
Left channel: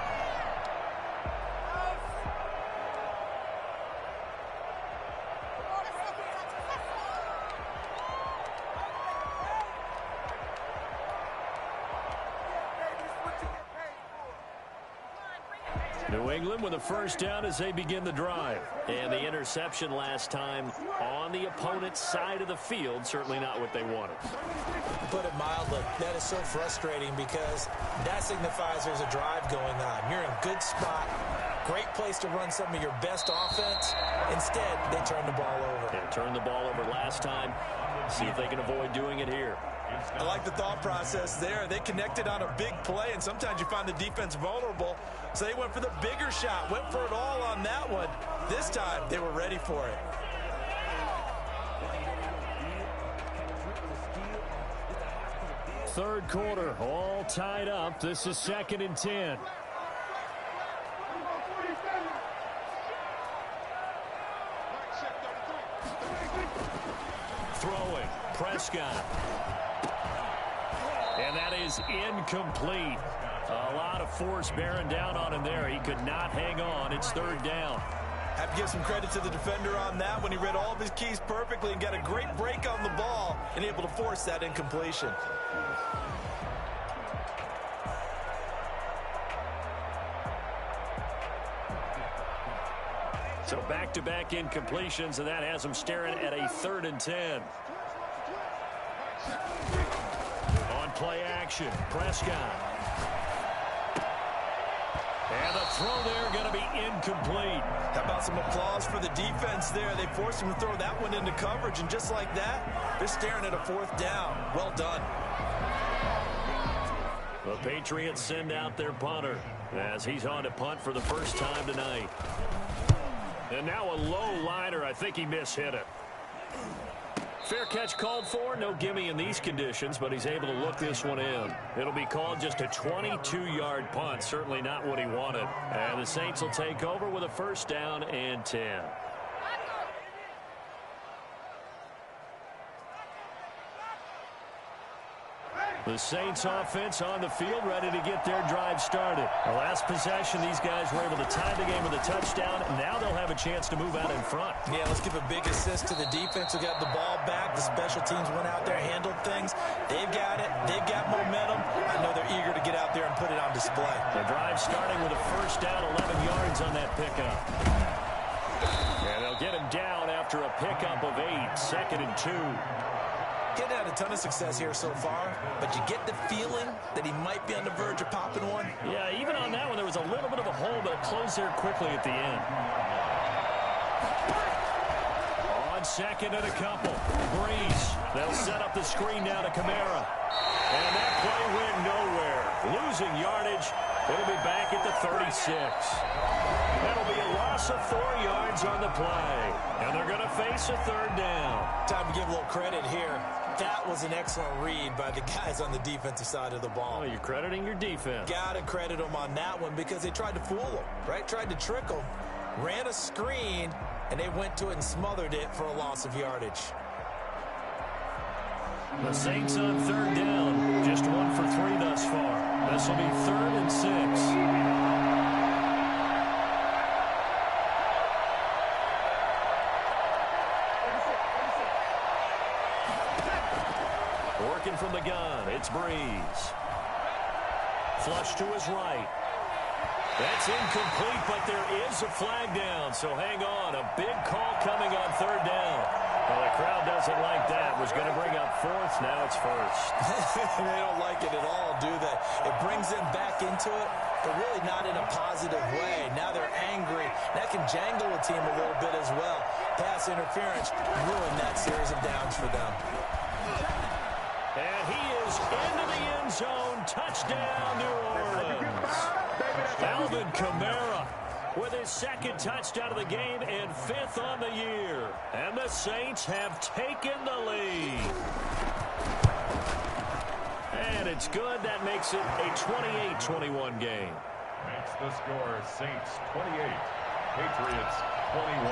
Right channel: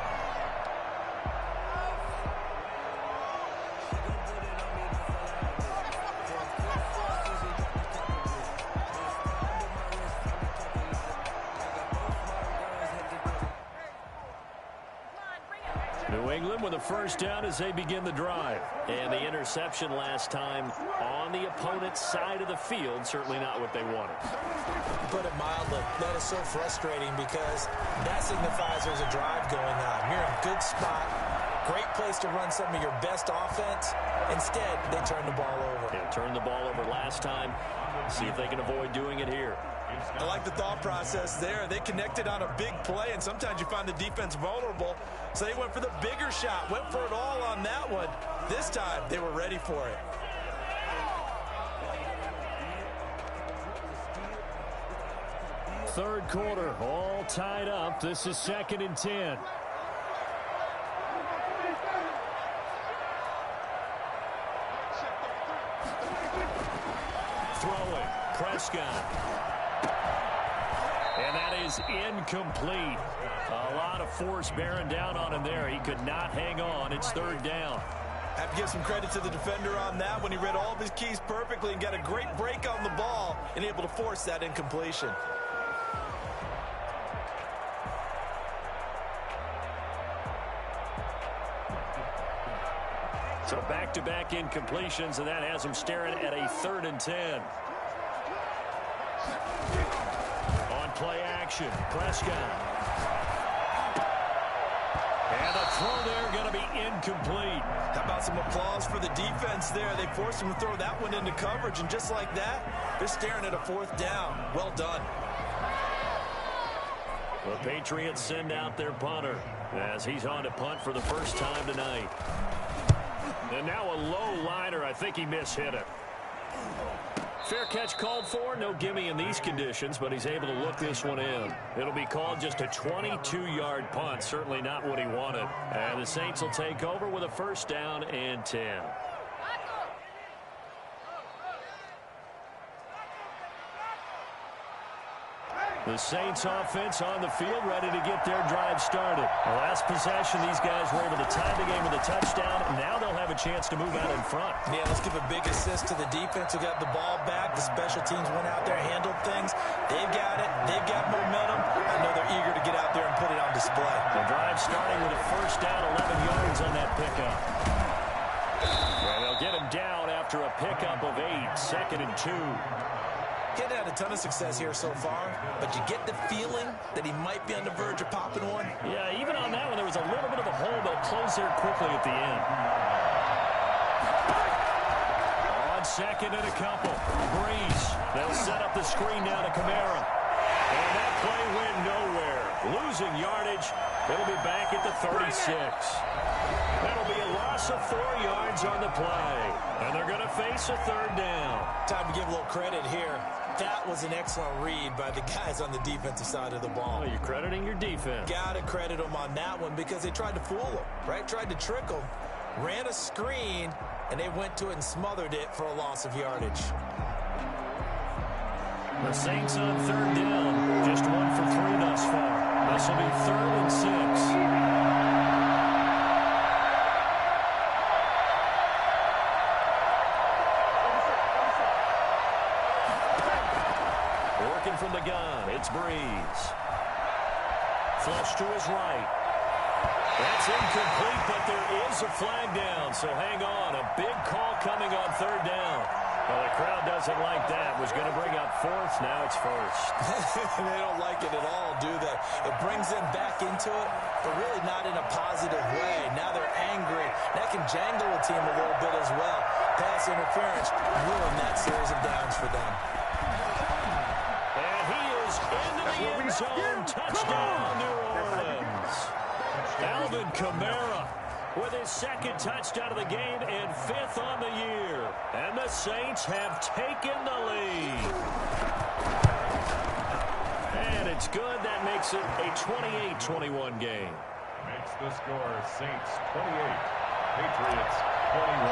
New England with a first down as they begin the drive. And the interception last time on the opponent's side of the field, certainly not what they wanted. To put it mildly, that is so frustrating because that signifies there's a drive going on. You're in a good spot. Great place to run some of your best offense. Instead, they turn the ball over. Yeah, turned the ball over last time. See if they can avoid doing it here. I like the thought process there. They connected on a big play, and sometimes you find the defense vulnerable. So they went for the bigger shot, went for it all on that one. This time, they were ready for it. Third quarter, all tied up. This is 2nd and 10. Throwing, Prescott. And that is incomplete. A lot of force bearing down on him there. He could not hang on. It's 3rd down. Have to give some credit to the defender on that when he read all of his keys perfectly and got a great break on the ball and able to force that incompletion. So back-to-back incompletions, and that has him staring at a 3rd and 10. On play action, Prescott. And the throw there going to be incomplete. How about some applause for the defense there? They forced him to throw that one into coverage, and just like that, they're staring at a 4th down. Well done. The Patriots send out their punter as he's on to punt for the first time tonight. And now a low liner. I think he mishit it. Fair catch called for. No gimme in these conditions, but he's able to look this one in. It'll be called just a 22-yard punt. Certainly not what he wanted. And the Saints will take over with a 1st down and 10. The Saints offense on the field, ready to get their drive started. The last possession, these guys were able to tie the game with a touchdown, and now they'll have a chance to move out in front. Yeah, let's give a big assist to the defense who got the ball back. The special teams went out there, handled things. They've got it. They've got momentum. I know they're eager to get out there and put it on display. The drive starting with a 1st down, 11 yards on that pickup. And they'll get him down after a pickup of 8, 2nd and 2. He's had a ton of success here so far, but you get the feeling that he might be on the verge of popping one. Yeah, even on that one, there was a little bit of a hole, but it closed there quickly at the end. On 2nd and a couple, Breeze. They'll set up the screen now to Kamara. And that play went nowhere. Losing yardage. It'll be back at the 36. That'll be a loss of 4 yards on the play. And they're going to face a 3rd down. Time to give a little credit here. That was an excellent read by the guys on the defensive side of the ball. Oh, you're crediting your defense. Got to credit them on that one because they tried to fool them, right? Tried to trick them. Ran a screen, and they went to it and smothered it for a loss of yardage. The Saints on 3rd down. Just 1 for 3 thus far. This will be 3rd and 6. Working from the gun, it's Breeze. Flush to his right. That's incomplete, but there is a flag down, so hang on. A big call coming on 3rd down. Well, the crowd doesn't like that. Was going to bring up 4th, now it's 1st. They don't like it at all, do they? It brings them back into it, but really not in a positive way. Now they're angry. That can jangle a team a little bit as well. Pass interference ruined that series of downs for them. And he is into the end zone. Touchdown, New Orleans. Alvin Kamara with his 2nd touchdown of the game and 5th on the year. And the Saints have taken the lead. And it's good. That makes it a 28-21 game. Makes the score Saints 28, Patriots 21.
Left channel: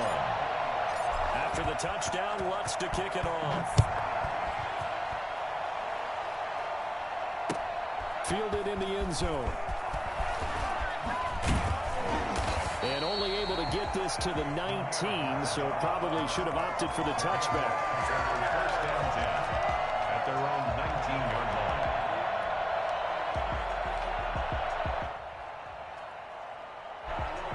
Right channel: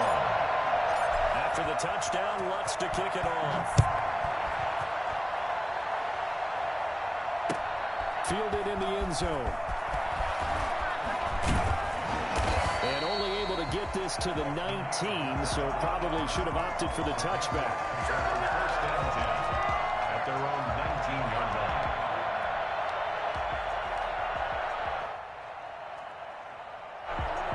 After the touchdown, Lutz to kick it off. Fielded in the end zone. And only able to get this to the 19, so probably should have opted for the touchback. 1st and 10 at their own 19-yard line.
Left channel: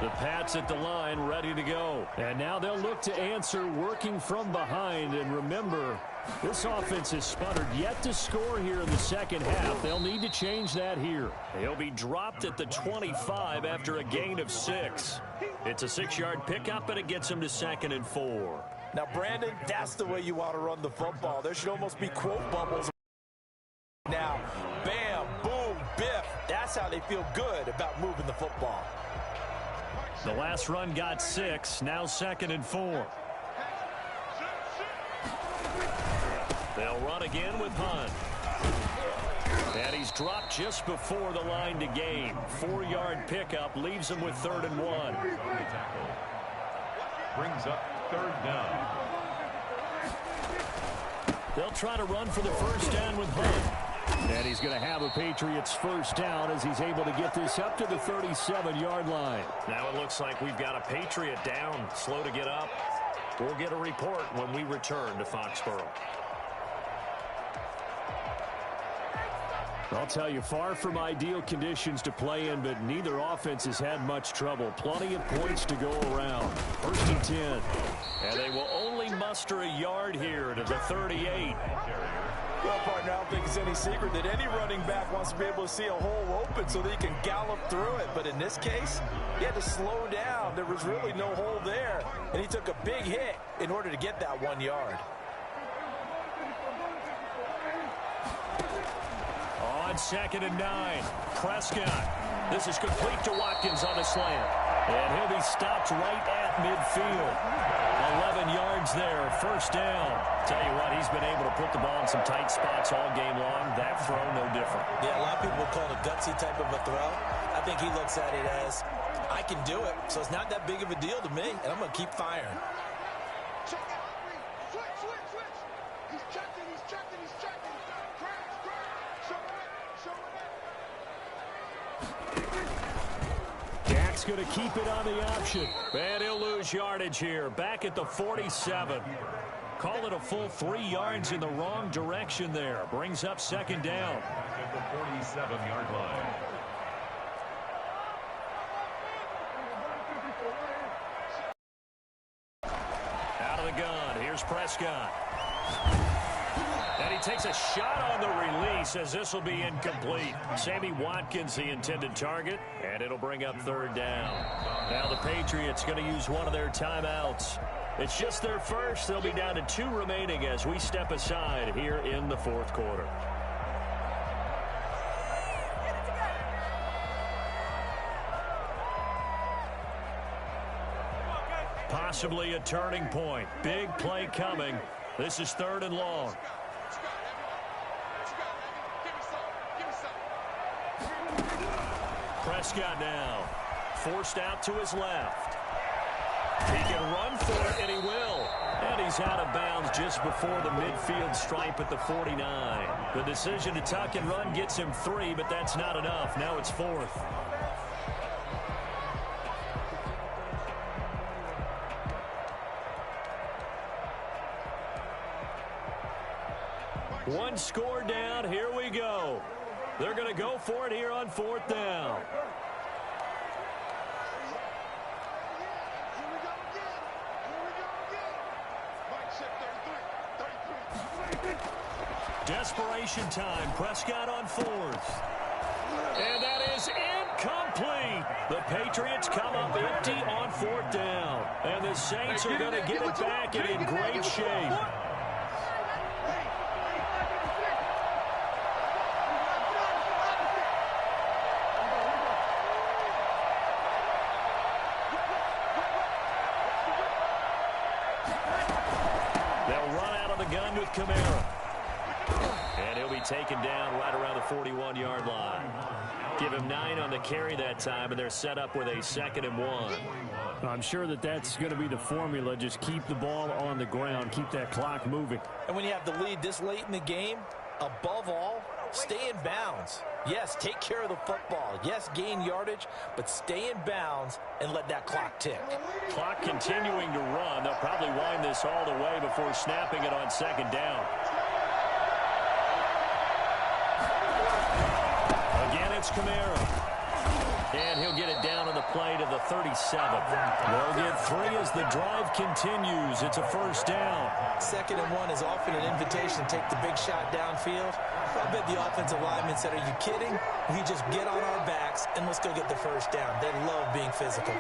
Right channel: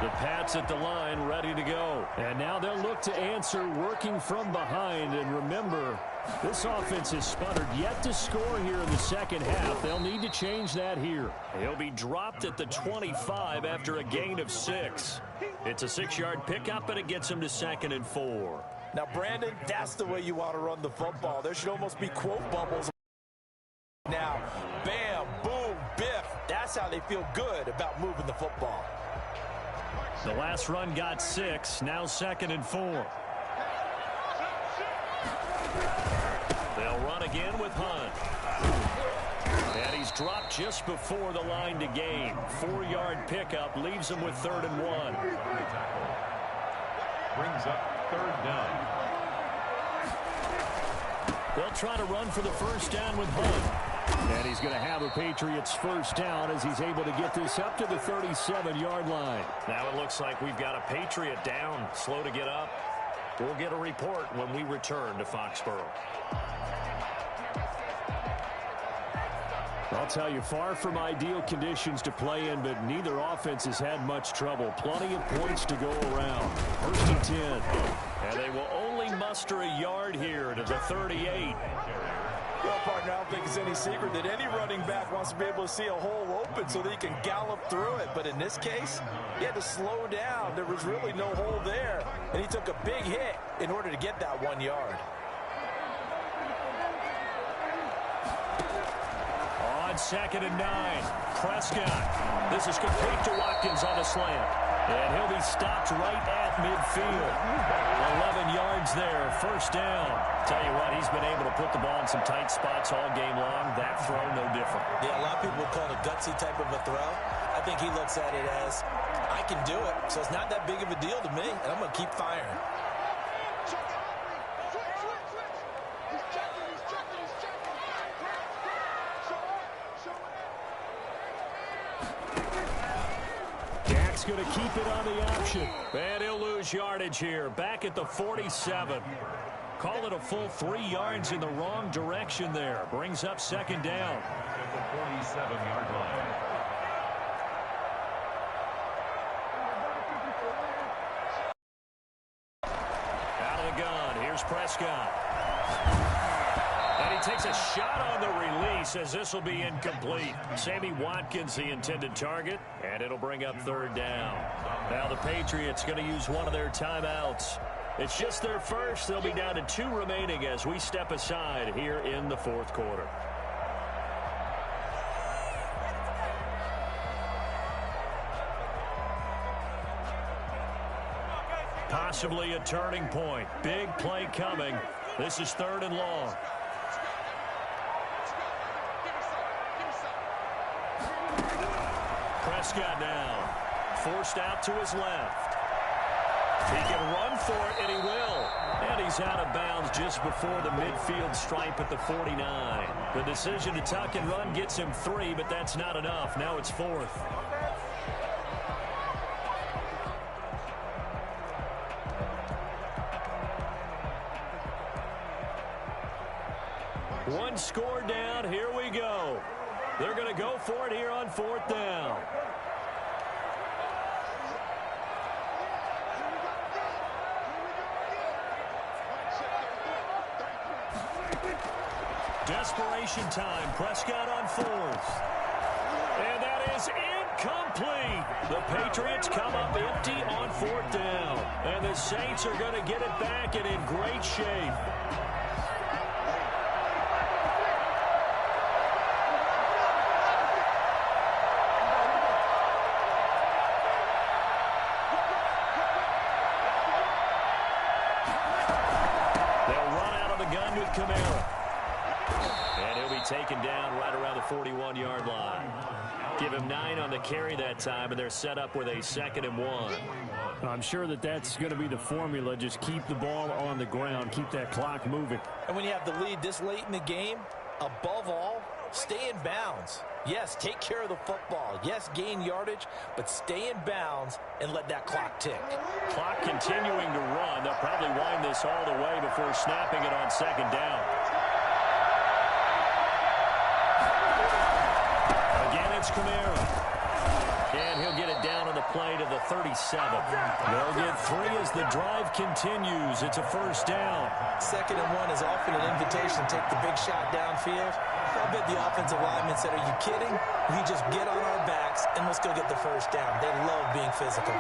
The Pats at the line, ready to go. And now they'll look to answer working from behind. And remember, This offense has sputtered yet to score here in the second half. They'll need to change that here. He'll be dropped at the 25 after a gain of 6. It's a 6-yard pickup, and it gets him to 2nd and 4. Now, Brandon, that's the way you want to run the football. There should almost be quote bubbles. Now, bam, boom, biff. That's how they feel good about moving the football. The last run got 6, now 2nd and 4. They'll run again with Hunt. And he's dropped just before the line to gain. 4-yard pickup leaves him with 3rd and 1. Brings up 3rd down. They'll try to run for the first down with Hunt. And he's going to have a Patriots first down as he's able to get this up to the 37-yard line. Now it looks like we've got a Patriot down, slow to get up. We'll get a report when we return to Foxborough. I'll tell you, far from ideal conditions to play in, but neither offense has had much trouble. Plenty of points to go around. 1st and 10. And they will only muster a yard here to the 38. Well, partner, I don't think it's any secret that any running back wants to be able to see a hole open so that he can gallop through it. But in this case, he had to slow down. There was really no hole there, and he took a big hit in order to get that 1 yard. On 2nd and 9, Prescott. This is complete to Watkins on a slant. And he'll be stopped right at midfield. 11 yards there, first down. Tell you what, he's been able to put the ball in some tight spots all game long. That throw, no different. Yeah, a lot of people would call it a gutsy type of a throw. I think he looks at it as, I can do it, so it's not that big of a deal to me, and I'm going to keep firing. Dak's going to keep it on the option. And he'll lose yardage here. Back at the 47. Call it a full 3 yards in the wrong direction there. Brings up 2nd down. At the 47-yard line. Out of the gun. Here's Prescott. And he takes a shot on the release as this will be incomplete. Sammy Watkins, the intended target, and it'll bring up 3rd down. Now the Patriots going to use one of their timeouts. It's just their first. They'll be down to 2 remaining as we step aside here in the 4th quarter. Possibly a turning point. Big play coming. This is 3rd and long. Prescott now, forced out to his left. He can run for it, and he will. And he's out of bounds just before the midfield stripe at the 49. The decision to tuck and run gets him 3, but that's not enough. Now it's 4th. One score down. Here we go. They're going to go for it here on 4th down. Desperation time. Prescott on 4th. And that is incomplete. The Patriots come up empty on 4th down. And the Saints are going to get it back and in great shape. They'll run out of the gun with Kamara. And he'll be taken down right around the 41-yard line. Give him 9 on the carry that time, and they're set up with a 2nd and 1. I'm sure that that's going to be the formula. Just keep the ball on the ground. Keep that clock moving. And when you have the lead this late in the game, above all, stay in bounds. Yes, take care of the football. Yes, gain yardage, but stay in bounds and let that clock tick. Clock continuing to run. They'll probably wind this all the way before snapping it on 2nd down. Again, it's Kamara. And he'll get it down on the play to the 37. They'll get 3 as the drive continues. It's a first down. 2nd and 1 is often an invitation to take the big shot downfield. I bet the offensive lineman said, are you kidding? We just get on our backs and let's go get the first down. They love being physical.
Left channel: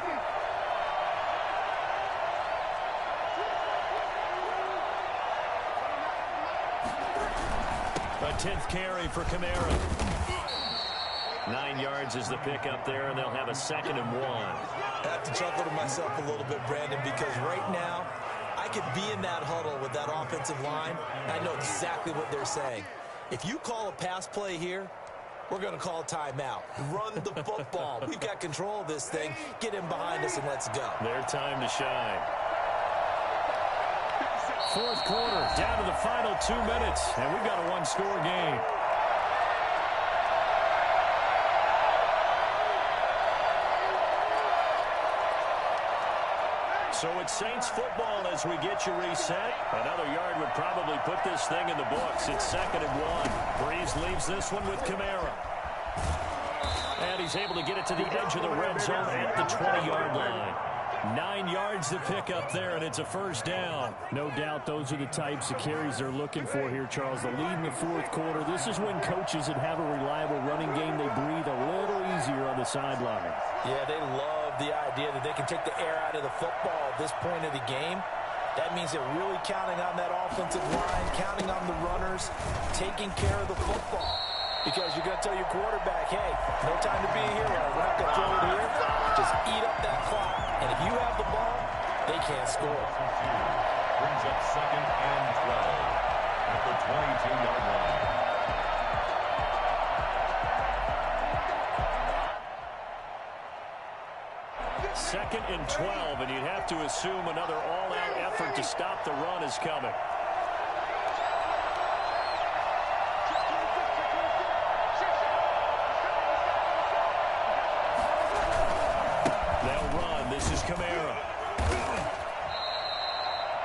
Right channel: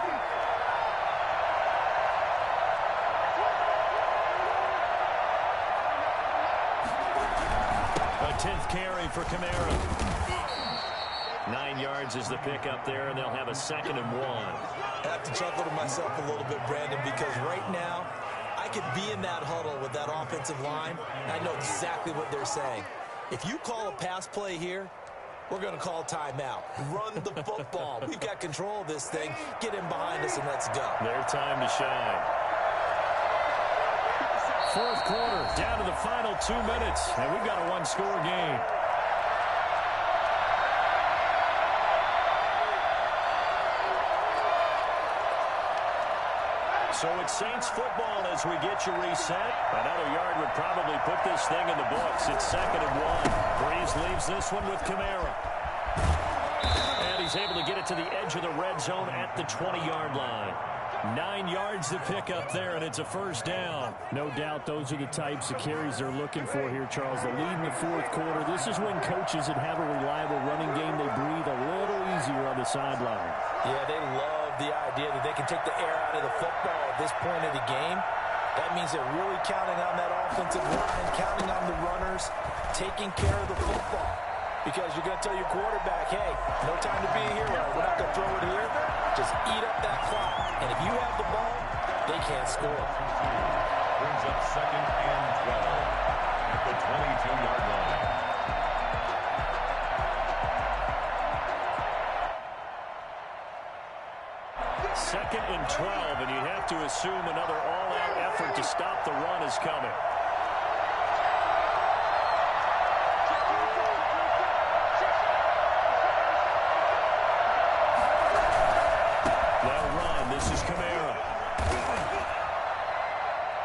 A 10th carry for Kamara. 9 yards is the pickup there, and they'll have a 2nd and 1. I have to chuckle to myself a little bit, Brandon, because right now I could be in that huddle with that offensive line, and I know exactly what they're saying. If you call a pass play here, we're going to call timeout. Run the football. We've got control of this thing. Get him behind us and let's go. Their time to shine. 4th quarter, down to the final 2 minutes, and we've got a 1-score game. So it's Saints football as we get you reset. Another yard would probably put this thing in the books. It's 2nd and 1. Breeze leaves this one with Kamara. And he's able to get it to the edge of the red zone at the 20-yard line. 9 yards to pick up there, and it's a first down. No doubt those are the types of carries they're looking for here, Charles. The lead in the 4th quarter. This is when coaches that have a reliable running game, they breathe a little easier on the sideline. Yeah, they love the idea that they can take the air out of the football at this point of the game. That means they're really counting on that offensive line, counting on the runners, taking care of the football. Because you're going to tell your quarterback, hey, no time to be a hero. We're not going to throw it here. Just eat up that clock. And if you have the ball, they can't score. Brings up 2nd and 12 at the 22-yard line. Second and 12, and you'd have to assume another all-out effort to stop the run is coming. They'll run. This is Kamara.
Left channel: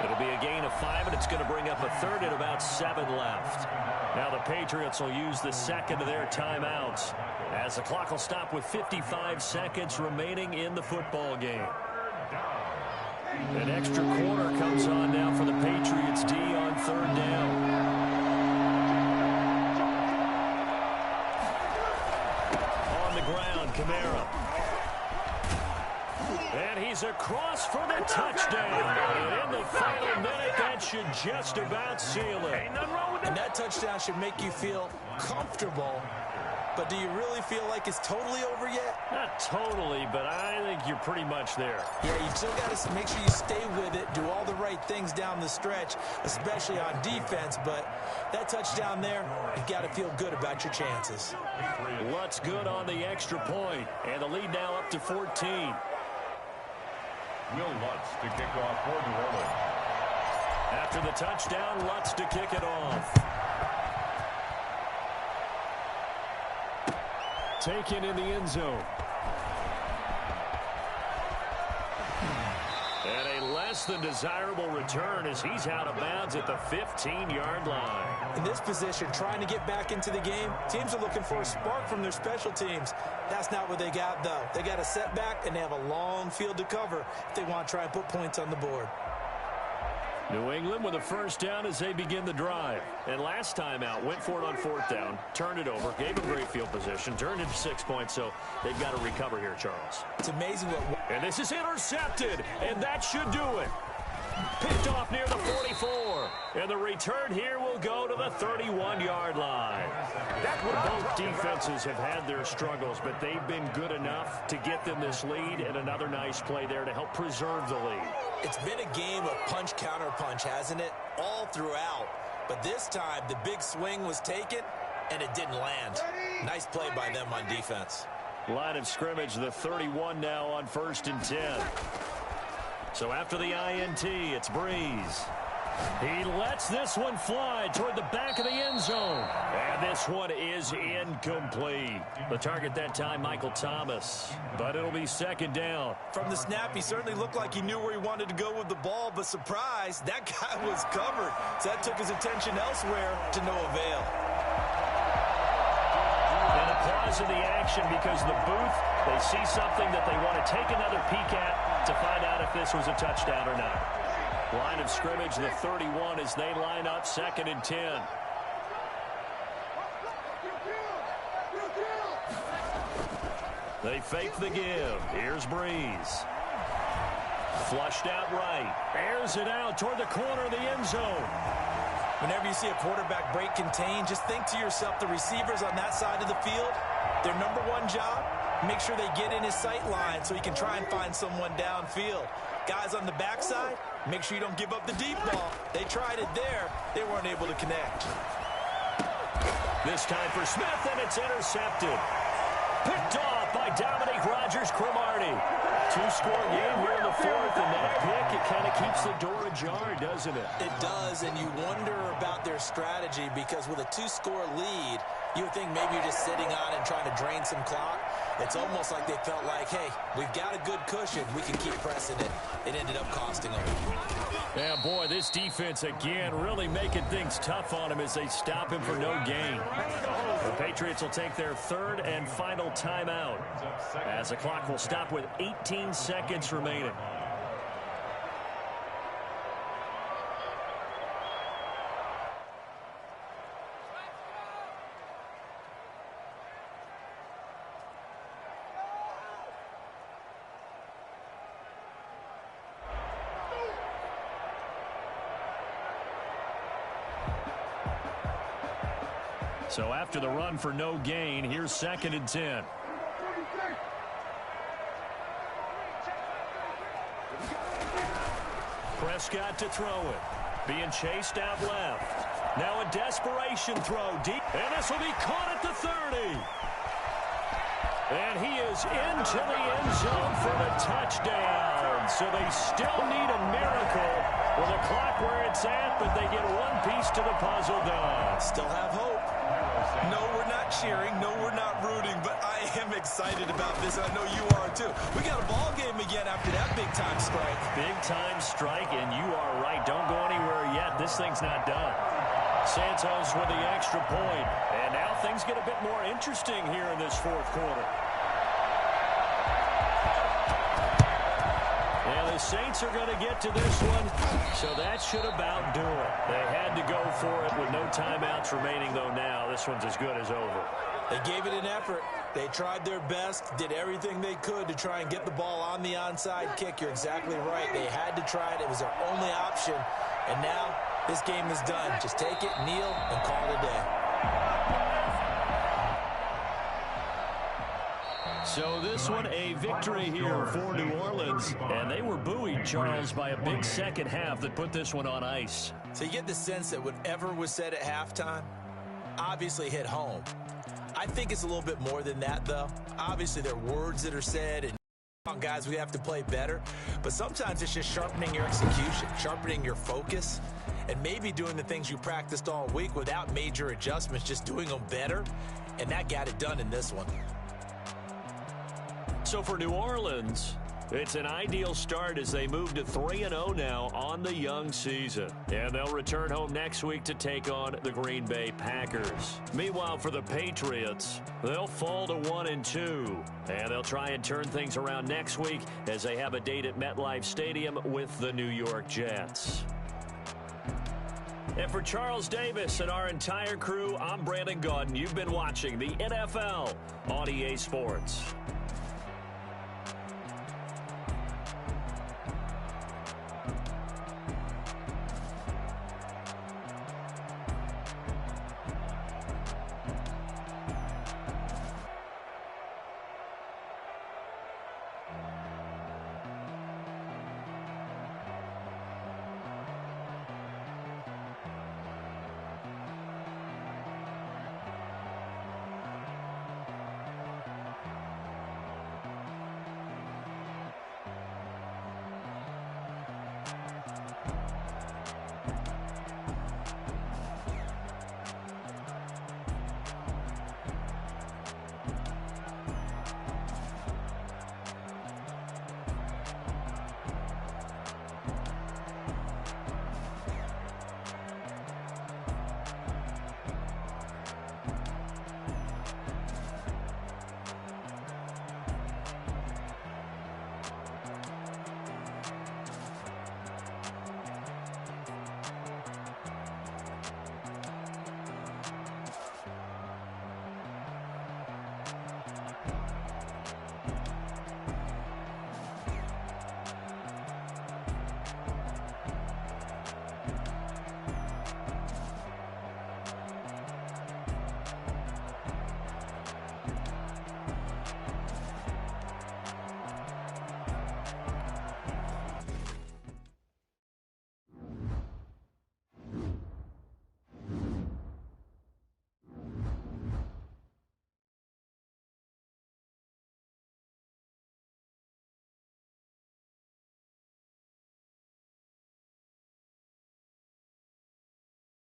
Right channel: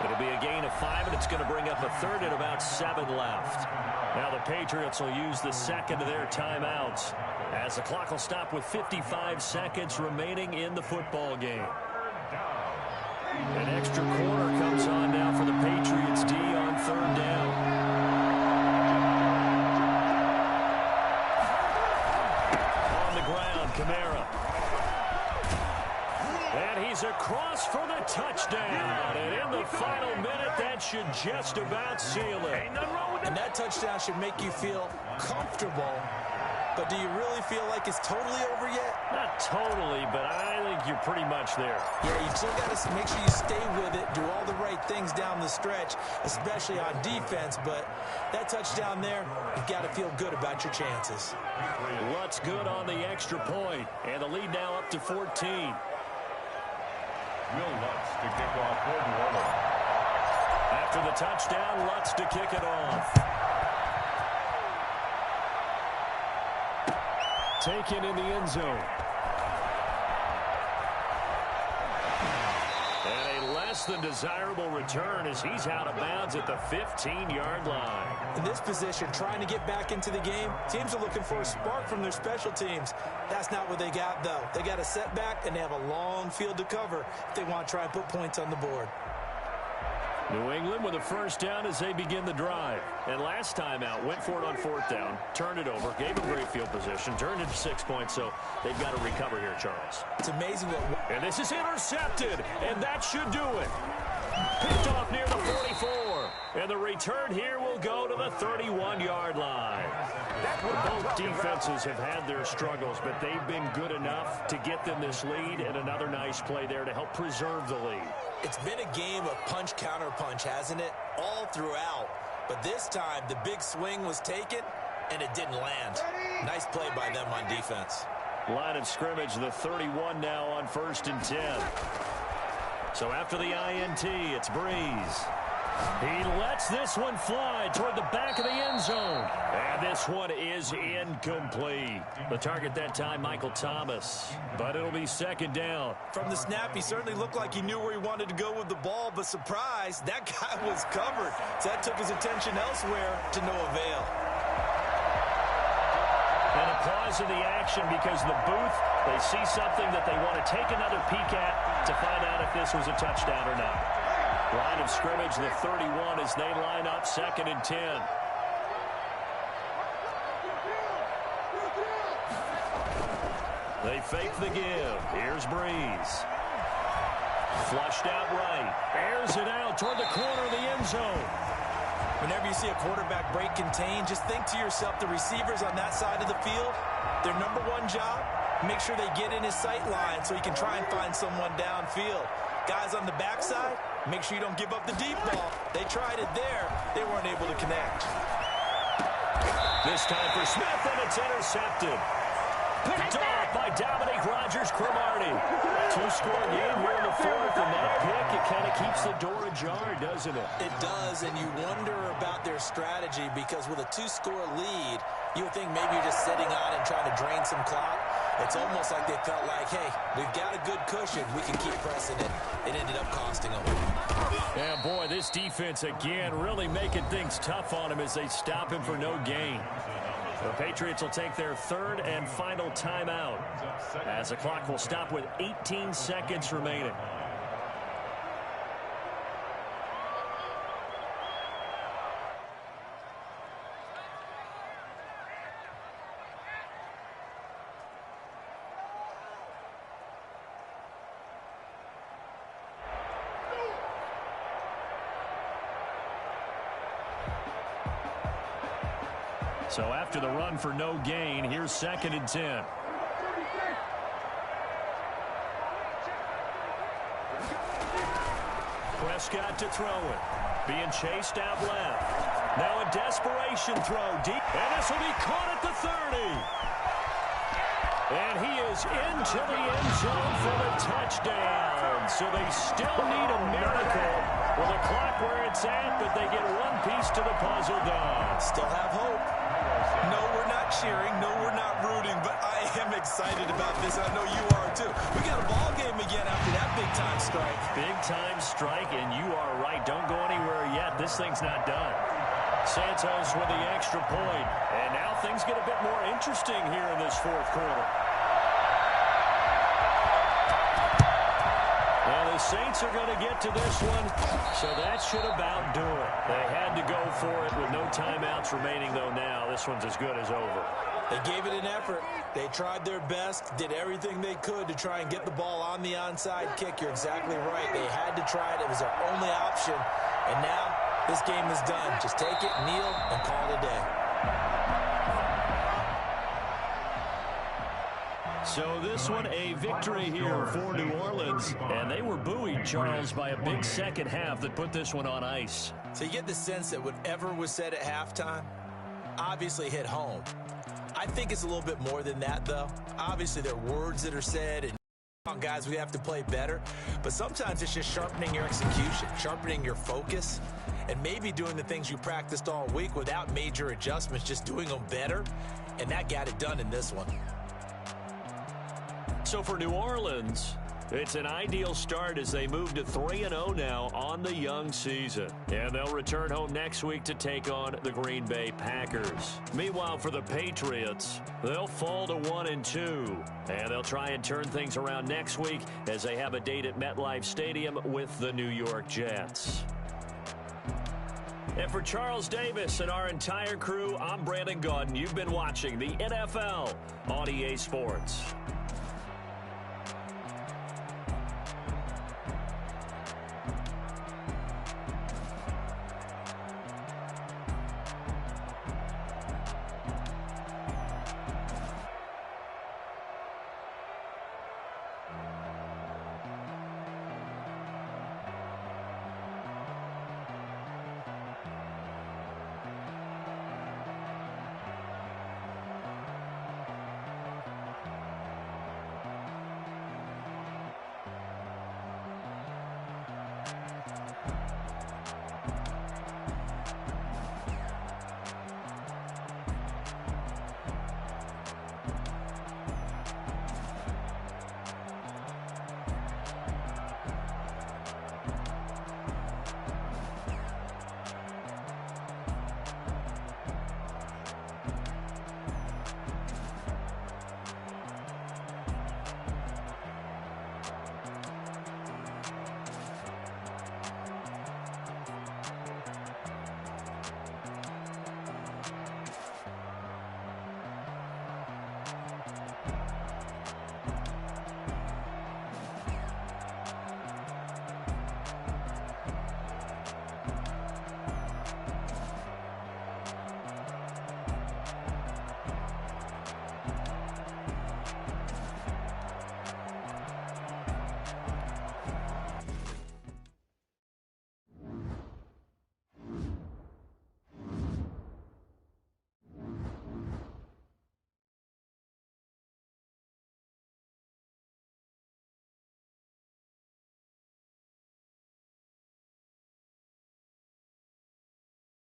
It'll be a gain of 5, and it's going to bring up a 3rd and about 7 left. Now the Patriots will use the 2nd of their timeouts as the clock will stop with 55 seconds remaining in the football game. An extra quarter comes on now for the Patriots D on 3rd down. On the ground, Kamara. And he's across for the touchdown. And in the final minute, that should just about seal it. And that touchdown should make you feel comfortable. But do you really feel like it's totally over yet? Not totally, but I think you're pretty much there. Yeah, you still got to make sure you stay with it, do all the right things down the stretch, especially on defense. But that touchdown there, you've got to feel good about your chances. Lutz good on the extra point, and the lead now up to 14. Will Lutz to kick off for New Orleans. After the touchdown, Lutz to kick it off. Taken in the end zone. And a less than desirable return as he's out of bounds at the 15-yard line. In this position, trying to get back into the game, teams are looking for a spark from their special teams. That's not what they got, though. They got a setback, and they have a long field to cover if they want to try and put points on the board. New England with a first down as they begin the drive. And last time out, went for it on 4th down, turned it over, gave them great field position, turned it to 6 points, so they've got to recover here, Charles. It's amazing what... And this is intercepted, and that should do it. Picked off near the 44. And the return here will go to the 31-yard line. Both defenses have had their struggles, but they've been good enough to get them this lead, and another nice play there to help preserve the lead. It's been a game of punch-counter-punch, hasn't it? All throughout. But this time, the big swing was taken, and it didn't land. Nice play by them on defense. Line of scrimmage, the 31 now on 1st and 10. So after the INT, it's Breeze. He lets this one fly toward the back of the end zone. And this one is incomplete. The target that time, Michael Thomas. But it'll be 2nd down. From the snap, he certainly looked like he knew where he wanted to go with the ball, but surprise, that guy was covered. So that took his attention elsewhere to no avail. And And a pause in the action because the booth, they see something that they want to take another peek at to find out if this was a touchdown or not. Line of scrimmage, the 31, as they line up 2nd and 10. They fake the give. Here's Breeze. Flushed out right. Airs it out toward the corner of the end zone. Whenever you see a quarterback break contain, just think to yourself, the receivers on that side of the field, their number one job, make sure they get in his sight line so he can try and find someone downfield. Guys on the backside, make sure you don't give up the deep ball. They tried it there. They weren't able to connect. This time for Smith, and it's intercepted. Picked off by Dominique Rodgers-Cromartie. 2-score game here in the 4th, and that pick, it kind of keeps the door ajar, doesn't it? It does, and you wonder about their strategy because with a 2-score lead, you would think maybe you're just sitting on it and trying to drain some clock. It's almost like they felt like, hey, we've got a good cushion. We can keep pressing it. It ended up costing them. Yeah, boy, this defense, again, really making things tough on him as they stop him for no gain. The Patriots will take their 3rd and final timeout as the clock will stop with 18 seconds remaining. So after the run for no gain, here's 2nd and 10. Prescott to throw it. Being chased out left. Now a desperation throw deep. And this will be caught at the 30. And he is into the end zone for the touchdown. So they still need a miracle with the clock where it's at, but they get one piece to the puzzle done. Still have hope. No, we're not cheering. No, we're not rooting, but I am excited about this. I know you are too. We got a ball game again after that big-time strike. Big-time strike, and you are right. Don't go anywhere yet. This thing's not done. Santos with the extra point. And now things get a bit more interesting here in this 4th quarter. And the Saints are going to get to this one, so that should about do it. They had to go for it with no timeouts remaining, though now. This one's as good as over. They gave it an effort. They tried their best, did everything they could to try and get the ball on the onside kick. You're exactly right. They had to try it. It was their only option. And now this game is done. Just take it, kneel, and call it a day. So this one, a victory here for New Orleans. And they were buoyed, Charles, by a big second half that put this one on ice. So you get the sense that whatever was said at halftime obviously hit home. I think it's a little bit more than that, though. Obviously, there are words that are said, and guys, we have to play better. But sometimes it's just sharpening your execution, sharpening your focus, and maybe doing the things you practiced all week without major adjustments, just doing them better. And that got it done in this one. So for New Orleans, it's an ideal start as they move to 3-0 now on the young season. And they'll return home next week to take on the Green Bay Packers. Meanwhile, for the Patriots, they'll fall to 1-2. And they'll try and turn things around next week as they have a date at MetLife Stadium with the New York Jets. And for Charles Davis and our entire crew, I'm Brandon Gaudin. You've been watching the NFL on EA Sports.